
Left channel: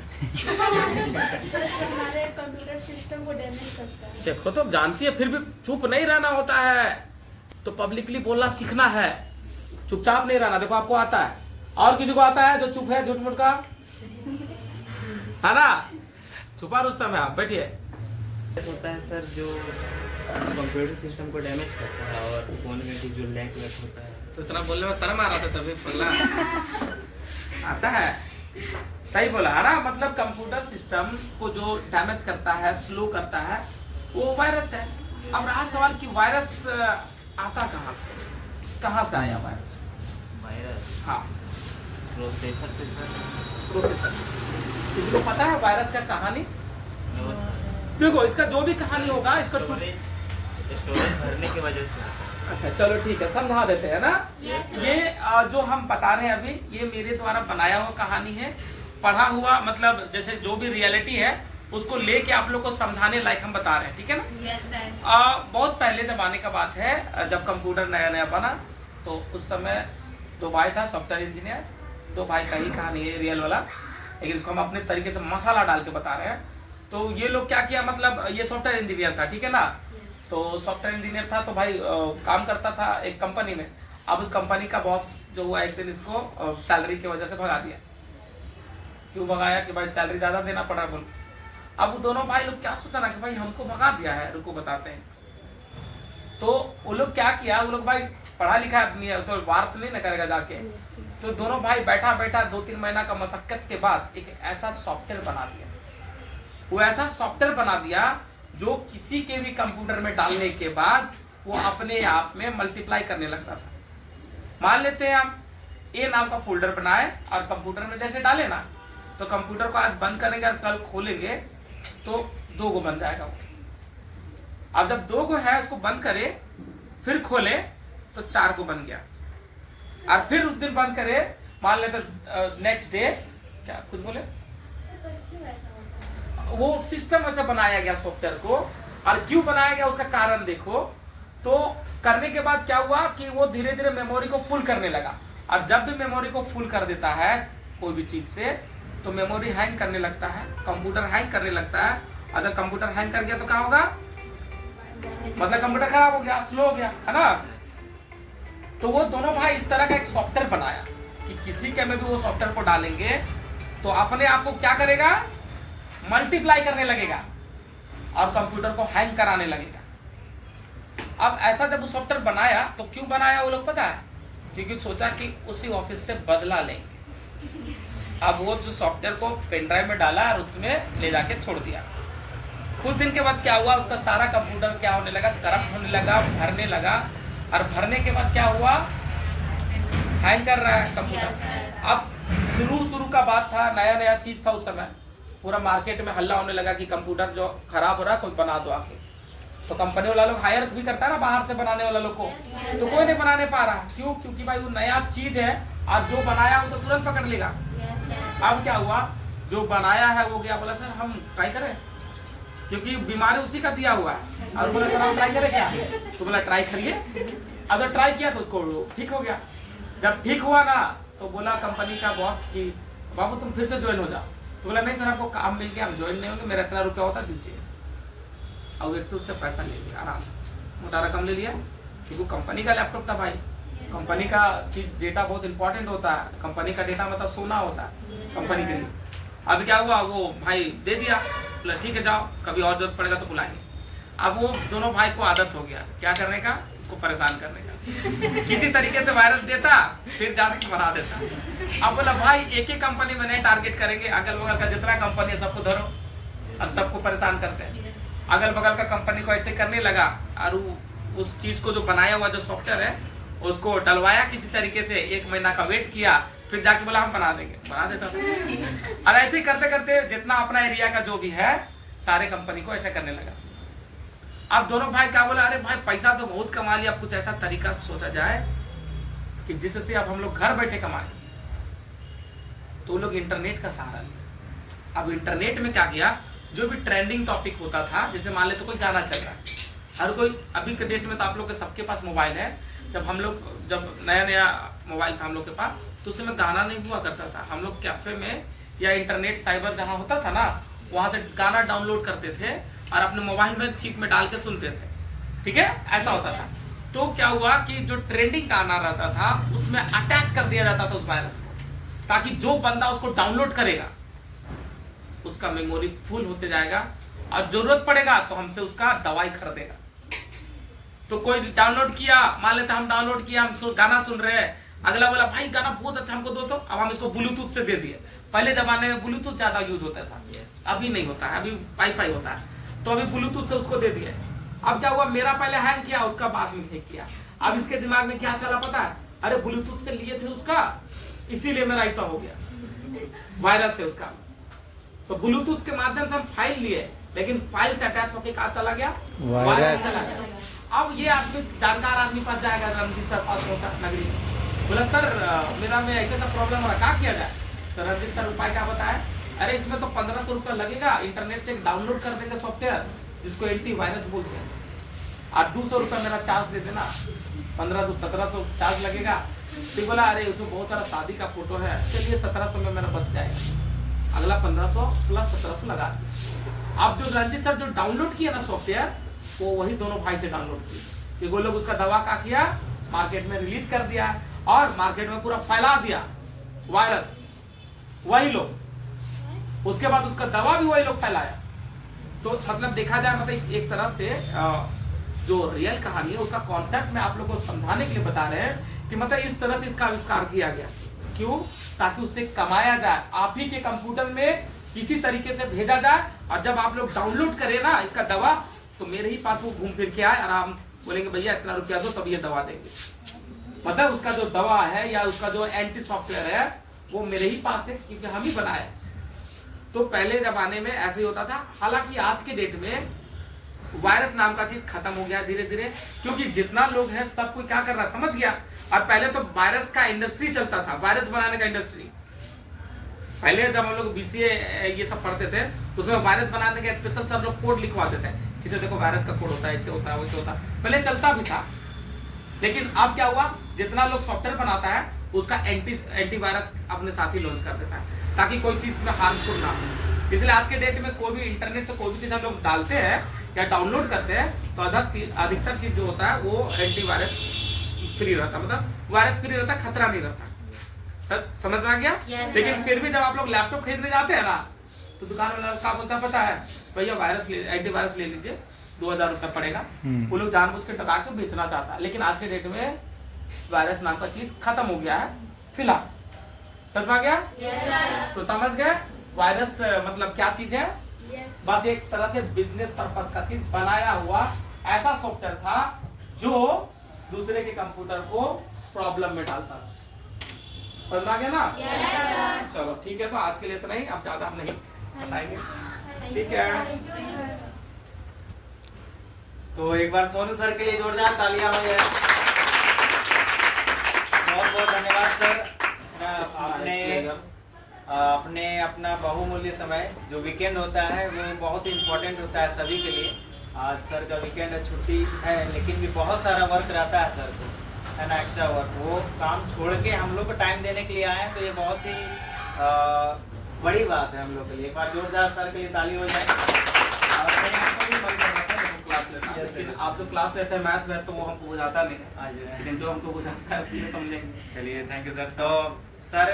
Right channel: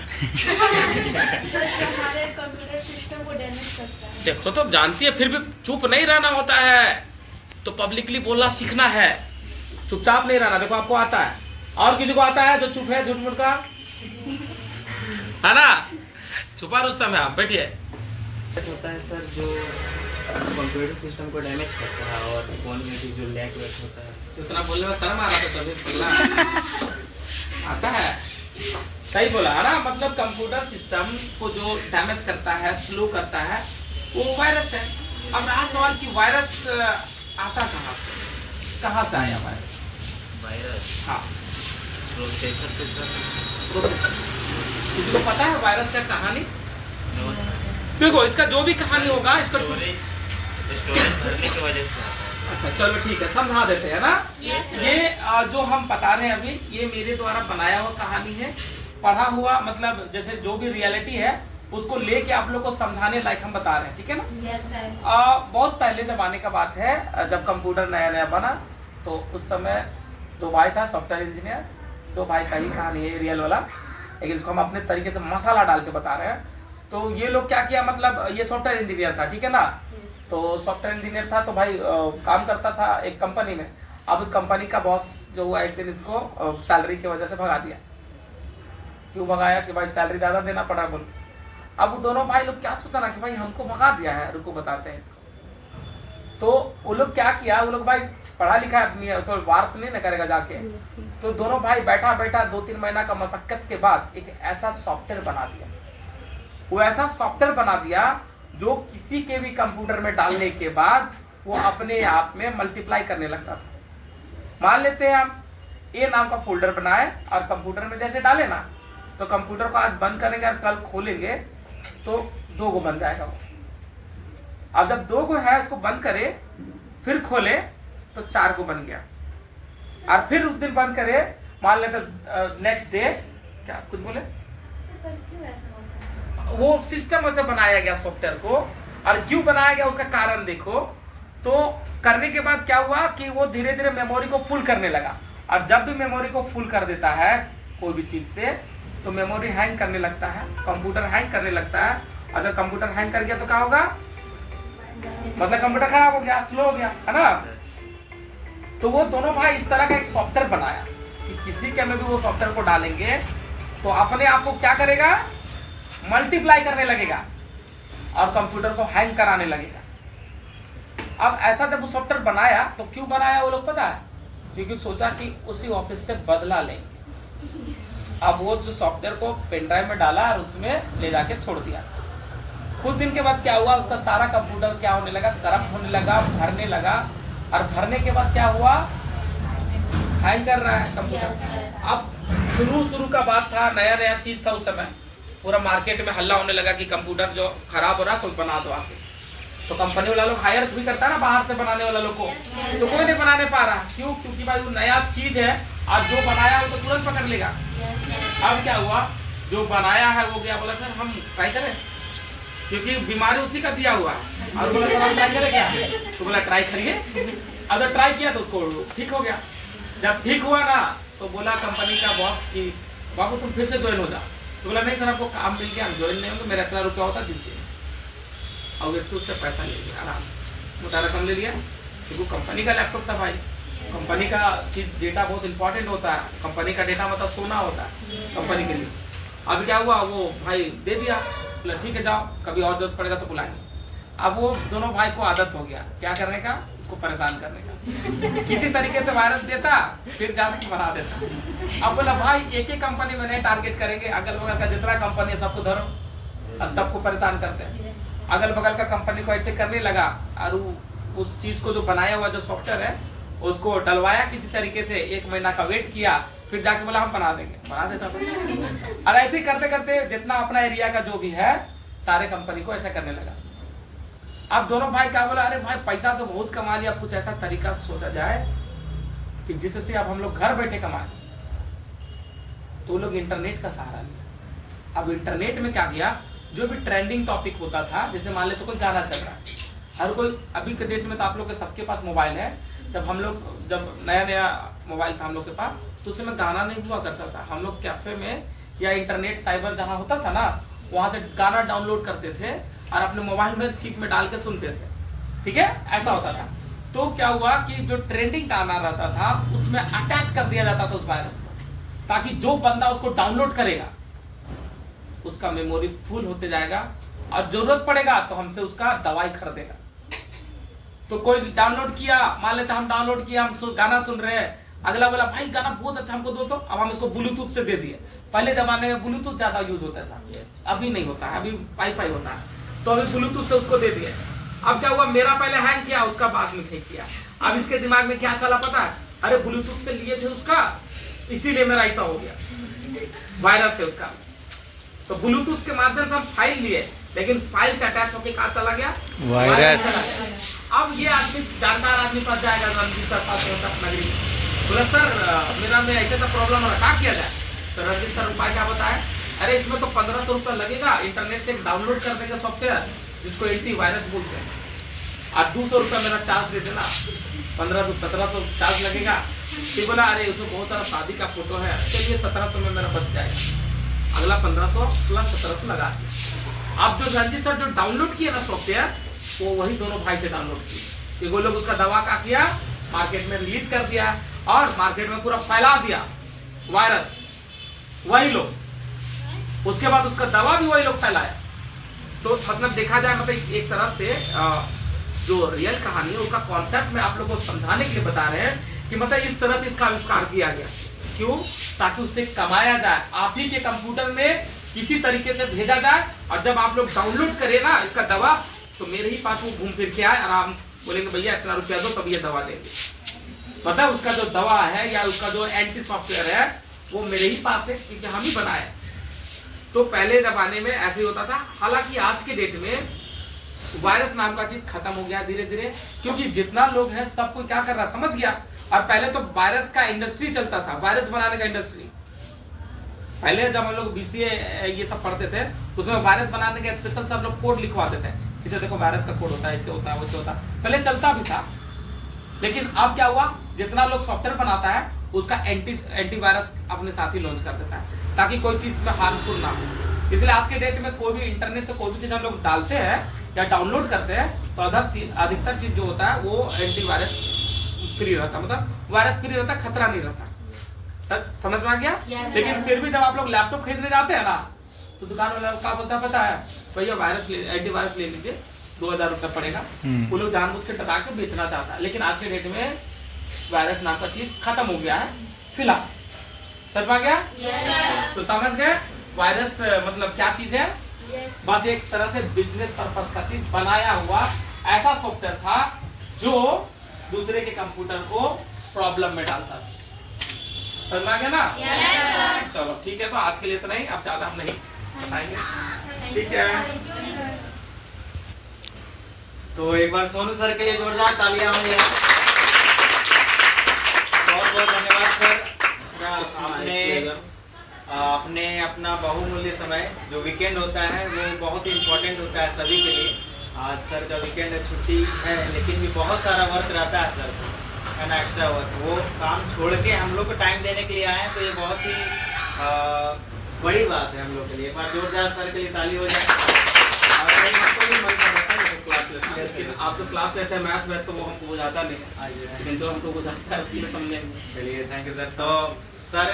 हमारे कंप्यूटर सिस्टम को डैमेज करता है। देखो तो जानती है, फिर भी चुप नहीं रहना होता है। तो पब्लिकली बोलना सीखना है, चुपचाप नहीं रहना। देखो आपको आता है, और किसी को आता है जो चुप है, झूठ मूठ का है ना? छुपा रुस्तम है। आप बैठिए। होता है सर जो कंप्यूटर सिस्टम को डैमेज करता है और फोन में भी जो लैग वैग होता है। तो इतना बोलने में शर्म आ रहा था तभी पगला। आता है, सही बोला है ना? मतलब कंप्यूटर सिस्टम को जो डैमेज करता है, स्लो करता है, वो वायरस है। अब रहा सवाल कि वायरस आता कहाँ से? कहाँ से आया वायरस? वायरस हाँ, प्रोसेसर से सर। प्रोसेसर। तुझको पता है वायरस का कहानी? No sir. देखो इसका जो भी कहानी होगा, इसका स्टोरेज भरने की वजह से होता है। अच्छा चलो ठीक है, समझा देते हैं ना। ये जो हम बता रहे हैं अभी, ये मेरे द्वारा बनाया हुआ कहानी है, पढ़ा हुआ। मतलब जैसे जो भी रियलिटी है उसको लेके आप लोग को समझाने लायक हम बता रहे हैं, ठीक है ना? बहुत पहले जमाने का बात है, जब कंप्यूटर नया नया बना, तो उस समय दो भाई था, सॉफ्टवेयर इंजीनियर। दो भाई का ही कहानी है रियल वाला, लेकिन इसको हम अपने तरीके से मसाला डाल के बता रहे हैं। तो ये लोग क्या किया, मतलब ये सॉफ्टवेयर इंजीनियर था, ठीक है ना? तो सॉफ्टवेयर इंजीनियर था तो भाई काम करता था एक कंपनी में। अब उस कंपनी का बॉस जो हुआ, एक दिन इसको सैलरी की वजह से भगा दिया। क्यों भगाया? कि भाई सैलरी ज्यादा देना पड़ा बोल के। अब वो दोनों भाई लोग क्या सोचा ना कि भाई हमको भगा दिया है, रुको बताते हैं इसको। तो वो लोग क्या किया, वो लोग भाई पढ़ा लिखा आदमी है तो वार तो नहीं ना करेगा जाके। तो दोनों भाई बैठा बैठा 2-3 महीना का मशक्कत के बाद एक ऐसा सॉफ्टवेयर बना दिया। वो ऐसा सॉफ्टवेयर बना दिया जो किसी के भी कंप्यूटर में डालने के बाद वो अपने आप में मल्टीप्लाई करने लगता था। मान लेते हैं हम ए नाम का फोल्डर बनाए और कंप्यूटर में जैसे डाले ना, तो कंप्यूटर को आज बंद करेंगे और कल खोलेंगे तो 2 गो बन जाएगा वो। अब जब 2 गो है उसको बंद करे, फिर खोले तो 4 गो बन गया। और फिर उस दिन बंद करे, मान लेते नेक्स्ट डे, क्या कुछ बोले? वो सिस्टम ऐसे बनाया गया सॉफ्टवेयर को, और क्यों बनाया गया उसका कारण देखो। तो करने के बाद क्या हुआ कि वो धीरे धीरे मेमोरी को फुल करने लगा। अब जब भी मेमोरी को फुल कर देता है कोई भी चीज से, तो मेमोरी हैंग करने लगता है, कंप्यूटर हैंग करने लगता है। अगर कंप्यूटर हैंग कर गया तो क्या होगा? मतलब कंप्यूटर खराब हो गया, स्लो हो गया, है ना? तो वो दोनों भाई इस तरह का एक सॉफ्टवेयर बनाया कि किसी के में भी वो सॉफ्टवेयर को डालेंगे तो अपने आप को क्या करेगा, मल्टीप्लाई करने लगेगा और कंप्यूटर को हैंग कराने लगेगा। अब ऐसा जब वो सॉफ्टवेयर बनाया तो क्यों बनाया वो लोग पता है? क्योंकि सोचा कि उसी ऑफिस से बदला लेंगे। अब वो जो सॉफ्टवेयर को पेन ड्राइव में डाला और उसमें ले जाके छोड़ दिया। कुछ दिन के बाद क्या हुआ, उसका सारा कंप्यूटर क्या होने लगा, करप्ट होने लगा, भरने लगा। और भरने के बाद क्या हुआ, हैंग कर रहा है कंप्यूटर। अब शुरू का बात था, नया चीज था उस समय, पूरा मार्केट में हल्ला होने लगा कि कंप्यूटर जो खराब हो रहा है कोई बना दो आके। तो कंपनी वाला लोग हायर भी करता है ना बाहर से बनाने वाला लोग को, तो कोई नहीं बनाने पा रहा। क्यों? क्योंकि भाई वो नया चीज है, आज जो बनाया वो तो तुरंत पकड़ लेगा। अब क्या हुआ, जो बनाया है वो गया, बोला सर हम ट्राई करें, क्योंकि बीमारी उसी का दिया हुआ है। और बोला सर हम ट्राई करें क्या, तो बोला ट्राई करिए। अगर ट्राई किया तो उसको ठीक हो गया। जब ठीक हुआ ना तो बोला कंपनी का बॉस कि बाबू तुम फिर से ज्वाइन हो जाओ। तो बोला नहीं सर आपको काम मिल गया, हम ज्वाइन नहीं होंगे, मेरा इतना रुपया होता दीजिए। और व्यक्ति उससे पैसा ले लिया, आराम से मोटा रकम ले लिया, क्योंकि कंपनी का लैपटॉप था भाई। कंपनी का चीज डेटा बहुत इंपॉर्टेंट होता है, कंपनी का डेटा मतलब सोना होता है कंपनी के लिए। अब क्या हुआ, वो भाई दे दिया, बोला ठीक है जाओ, कभी और जरूरत पड़ेगा तो बुलाएंगे। अब वो दोनों भाई को आदत हो गया क्या करने का, उसको परेशान करने का। किसी तरीके से वायरस देता, फिर जाके बना देता। अब बोला भाई एक ही कंपनी में नहीं टारगेट करेंगे, अगल बगल का जितना कंपनी है सबको धरो और सबको परेशान करते हैं। अगल बगल का कंपनी को ऐसे करने लगा, और उस चीज को जो बनाया हुआ जो सॉफ्टवेयर है उसको डलवाया किसी तरीके से, 1 महीना का वेट किया, फिर जाके बोला हम बना देंगे, बना देता था। और ऐसे ही करते करते जितना अपना एरिया का जो भी है सारे कंपनी को ऐसा करने लगा। अब दोनों भाई क्या बोला, अरे भाई पैसा तो बहुत कमा लिया, अब कुछ ऐसा तरीका सोचा जाए कि जिससे अब हम लोग घर बैठे कमाए। तो वो लोग इंटरनेट का सहारा लिया। अब इंटरनेट में क्या किया, जो भी ट्रेंडिंग टॉपिक होता था, जैसे मान ले तो कोई गाना चल रहा है, हर कोई अभी के डेट में तो आप लोग के सबके पास मोबाइल है। जब नया मोबाइल था हम लोग के पास, तो उसमें गाना नहीं हुआ करता था। हम लोग कैफे में या इंटरनेट साइबर जहाँ होता था ना, वहां से गाना डाउनलोड करते थे और अपने मोबाइल में चिप में डाल के सुनते थे। ठीक है, ऐसा होता था। तो क्या हुआ कि जो ट्रेंडिंग गाना रहता था उसमें अटैच कर दिया जाता था उस वायरस को, ताकि जो बंदा उसको डाउनलोड करेगा उसका मेमोरी फुल होते जाएगा, और जरूरत पड़ेगा तो हमसे उसका दवाई खरीदेगा। तो कोई डाउनलोड किया, मान लेते हम डाउनलोड किया, हम गाना सुन रहे हैं, अगला बोला भाई गाना बहुत अच्छा हमको दो, तो अब हम इसको ब्लूटूथ से दे दिए। पहले जमाने में ब्लूटूथ ज्यादा यूज होता था, अभी नहीं होता है, अभी वाईफाई होता है, तो अभी ब्लूटूथ से उसको दे दिए। अब क्या हुआ, मेरा पहले हैंग किया, उसका बाद में हैंग किया। अब इसके दिमाग में क्या चला पता है, अरे ब्लूटूथ से लिए थे उसका, इसीलिए मेरा ऐसा हो गया, वायरस है उसका। तो ब्लूटूथ के माध्यम से हम फाइल लिए, लेकिन फाइल से अटैच होकर कहाँ चला गया, वायरस चला गया। अब ये आदमी जानकार आदमी पास जाएगा, रणजीत सर पास होता नगरी, बोला सर मेरा में ऐसे तो प्रॉब्लम हो रहा, क्या किया जाए। तो रणजीत सर उपाय क्या बताया, अरे इसमें तो 1500 रुपये लगेगा, इंटरनेट से डाउनलोड कर देंगे सॉफ्टवेयर जिसको एंटी वायरस बोलते हैं, और 200 रुपये मेरा चार्ज दे देना, 1500 1700 चार्ज लगेगा। फिर बोला अरे उसमें बहुत सारा शादी का फोटो है, चलिए 1700 में मेरा बच जाएगा। अगला 1500 प्लस 1700 लगा दिया। अब जो रणजीत सर जो डाउनलोड किया ना सॉफ्टवेयर, वो वही दोनों भाई से डाउनलोड किए, कि वो लोग उसका दवा का किया, मार्केट में रिलीज कर दिया और मार्केट में पूरा फैला दिया वायरस, वही लोग। उसके बाद उसका दवा भी वही लोग फैलाया। तो मतलब देखा जाए, मतलब एक तरह से जो रियल कहानी है उसका कॉन्सेप्ट में आप लोगों को समझाने के लिए बता रहे हैं कि मतलब इस तरह से इसका आविष्कार किया गया। क्यों? ताकि उससे कमाया जाए, आप ही के कंप्यूटर में किसी तरीके से भेजा जाए, और जब आप लोग डाउनलोड करें ना इसका दवा, तो मेरे ही पास वो घूम फिर के आए और हम बोलेंगे भैया इतना रुपया दो तब ये दवा देंगे। मतलब उसका जो दवा है या उसका जो एंटी सॉफ्टवेयर है वो मेरे ही पास है, क्योंकि हम ही बनाए। तो पहले जमाने में ऐसे ही होता था। हालांकि आज के डेट में वायरस नाम का चीज खत्म हो गया धीरे धीरे, क्योंकि जितना लोग हैं सब कोई क्या कर रहा है समझ गया। और पहले तो वायरस का इंडस्ट्री चलता था, वायरस बनाने का इंडस्ट्री। पहले जब हम लोग बीसीए ये सब पढ़ते थे तो उसमें वायरस बनाने के स्पेशल सब लोग कोड लिखवाते थे, इसे देखो वायरस का कोड होता है, ऐसे होता है वैसे होता है, पहले चलता भी था। लेकिन अब क्या हुआ, जितना लोग सॉफ्टवेयर बनाता है उसका एंटी वायरस अपने साथ ही लॉन्च कर देता है, ताकि कोई चीज में हार्मफुल ना हो। इसलिए आज के डेट में कोई भी इंटरनेट से कोई भी चीज हम लोग डालते हैं या डाउनलोड करते हैं तो अधिकतर चीज जो होता है वो एंटी वायरस फ्री रहता है, मतलब वायरस फ्री रहता है, खतरा नहीं रहता। सर समझ में आ गया? लेकिन फिर भी जब आप लोग लैपटॉप खरीदने जाते हैं ना, तो दुकान वाला क्या बोलता है पता है, भैया वायरस एंटी वायरस ले लीजिए, 2000 रुपये पड़ेगा। वो लोग जानबूझ के डरा के बेचना चाहता है। लेकिन आज के डेट में वायरस नाम का चीज खत्म हो गया है फिलहाल। समझ में आ गया? तो समझ गए वायरस मतलब क्या चीज है? Yes. बस एक तरह से बिजनेस पर्पस का चीज बनाया हुआ ऐसा सॉफ्टवेयर था जो दूसरे के कंप्यूटर को प्रॉब्लम में डालता था। समझ में आ गया ना? Yes, चलो ठीक है, तो आज के लिए इतना ही, अब ज्यादा हम नहीं बताएंगे। sir. ठीक है। Thank you, sir. तो एक बार सोनू सर के लिए जोरदार तालियां हो जाए। बहुत बहुत धन्यवाद सर। आपने अपना बहुमूल्य समय जो वीकेंड होता है वो बहुत ही इम्पोर्टेंट होता है सभी के लिए। आज सर का वीकेंड है, छुट्टी है, लेकिन भी बहुत सारा वर्क रहता है सर को, है ना, एक्स्ट्रा वर्क। वो काम छोड़ के हम लोग को टाइम देने के लिए आए हैं, तो ये बहुत ही बड़ी बात है हम लोग के लिए। एक बार जोरदार सर के लिए ताली हो जाए। लेकिन आप तो क्लास लेते हैं मैथ में, तो वो हमको बुझाता नहीं है, लेकिन जो हमको बुझाता है उसके लिए हमने। चलिए, थैंक यू सर। तो सर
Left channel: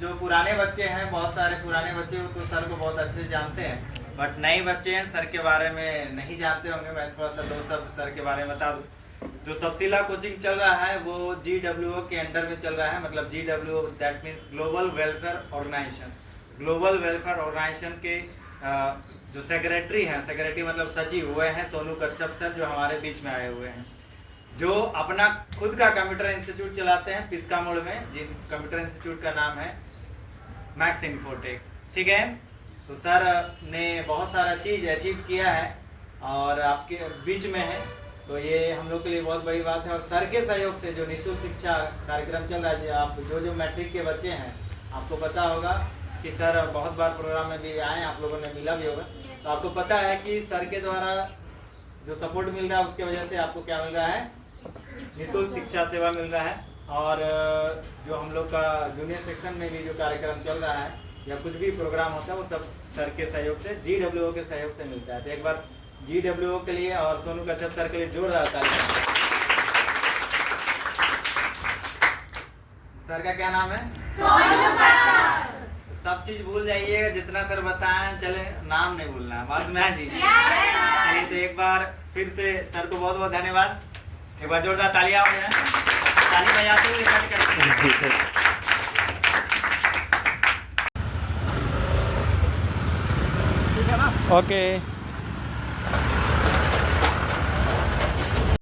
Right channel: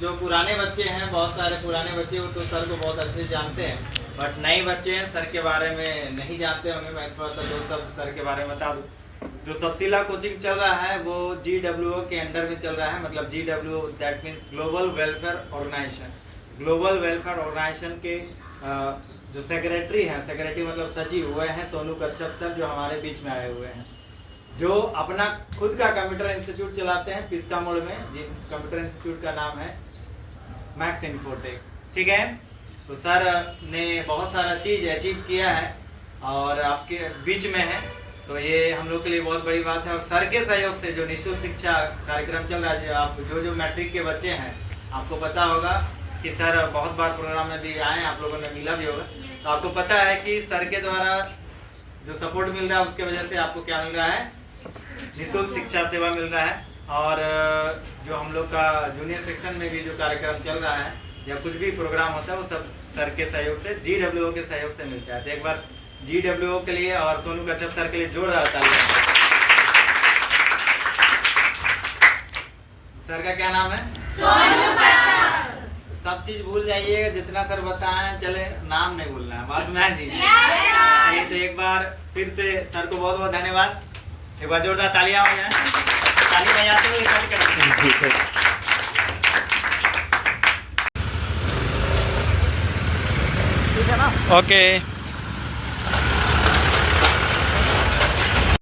जो पुराने बच्चे हैं, बहुत सारे पुराने बच्चे वो तो सर को बहुत अच्छे से जानते हैं, बट नए बच्चे हैं सर के बारे में नहीं जानते होंगे। मैं थोड़ा सा दो शब्द सर के बारे में बता दूं। जो सबसिला कोचिंग चल रहा है वो GWO के अंडर में चल रहा है। मतलब GWO that means global welfare organisation. Global welfare organisation के जो सेक्रेटरी हैं, सेक्रेटरी मतलब सचिव, हुए हैं सोनू कच्छप सर, जो हमारे बीच में आए हुए हैं, जो अपना खुद का कंप्यूटर इंस्टीट्यूट चलाते हैं पिस्का मोड़ में, जिन कंप्यूटर इंस्टीट्यूट का नाम है मैक्स इन्फोटेक। ठीक है, तो सर ने बहुत सारा चीज़ अचीव किया है और आपके बीच में है, तो ये हम लोग के लिए बहुत बड़ी बात है। और सर के सहयोग से जो निःशुल्क शिक्षा कार्यक्रम चल रहा है, जो आप जो मैट्रिक के बच्चे हैं, आपको पता होगा कि सर बहुत बार प्रोग्राम में भी आए हैं, आप लोगों ने मिला भी होगा, तो आपको पता है कि सर के द्वारा जो सपोर्ट मिल रहा है उसके वजह से आपको क्या मिल रहा है, निःशुल्क शिक्षा सेवा मिल रहा है। और जो हम लोग का जूनियर सेक्शन में भी जो कार्यक्रम चल रहा है या कुछ भी प्रोग्राम होता है वो सब सर के सहयोग से, GWO के सहयोग से मिलता है। तो एक बार GWO के लिए और सोनू कच्छप सर के लिए जोरदार तालियां। सर का क्या नाम है? सोनू कच्छप। सब चीज भूल जाइएगा, जितना सर बताएं, चले नाम नहीं भूलना है, बस मैं जी। चलिए, तो एक बार फिर से सर को बहुत बहुत धन्यवाद। एक बार जोरदार तालियां हो जाए, ताली बजाते हुए कट करते हैं। ठीक है ना? ओके।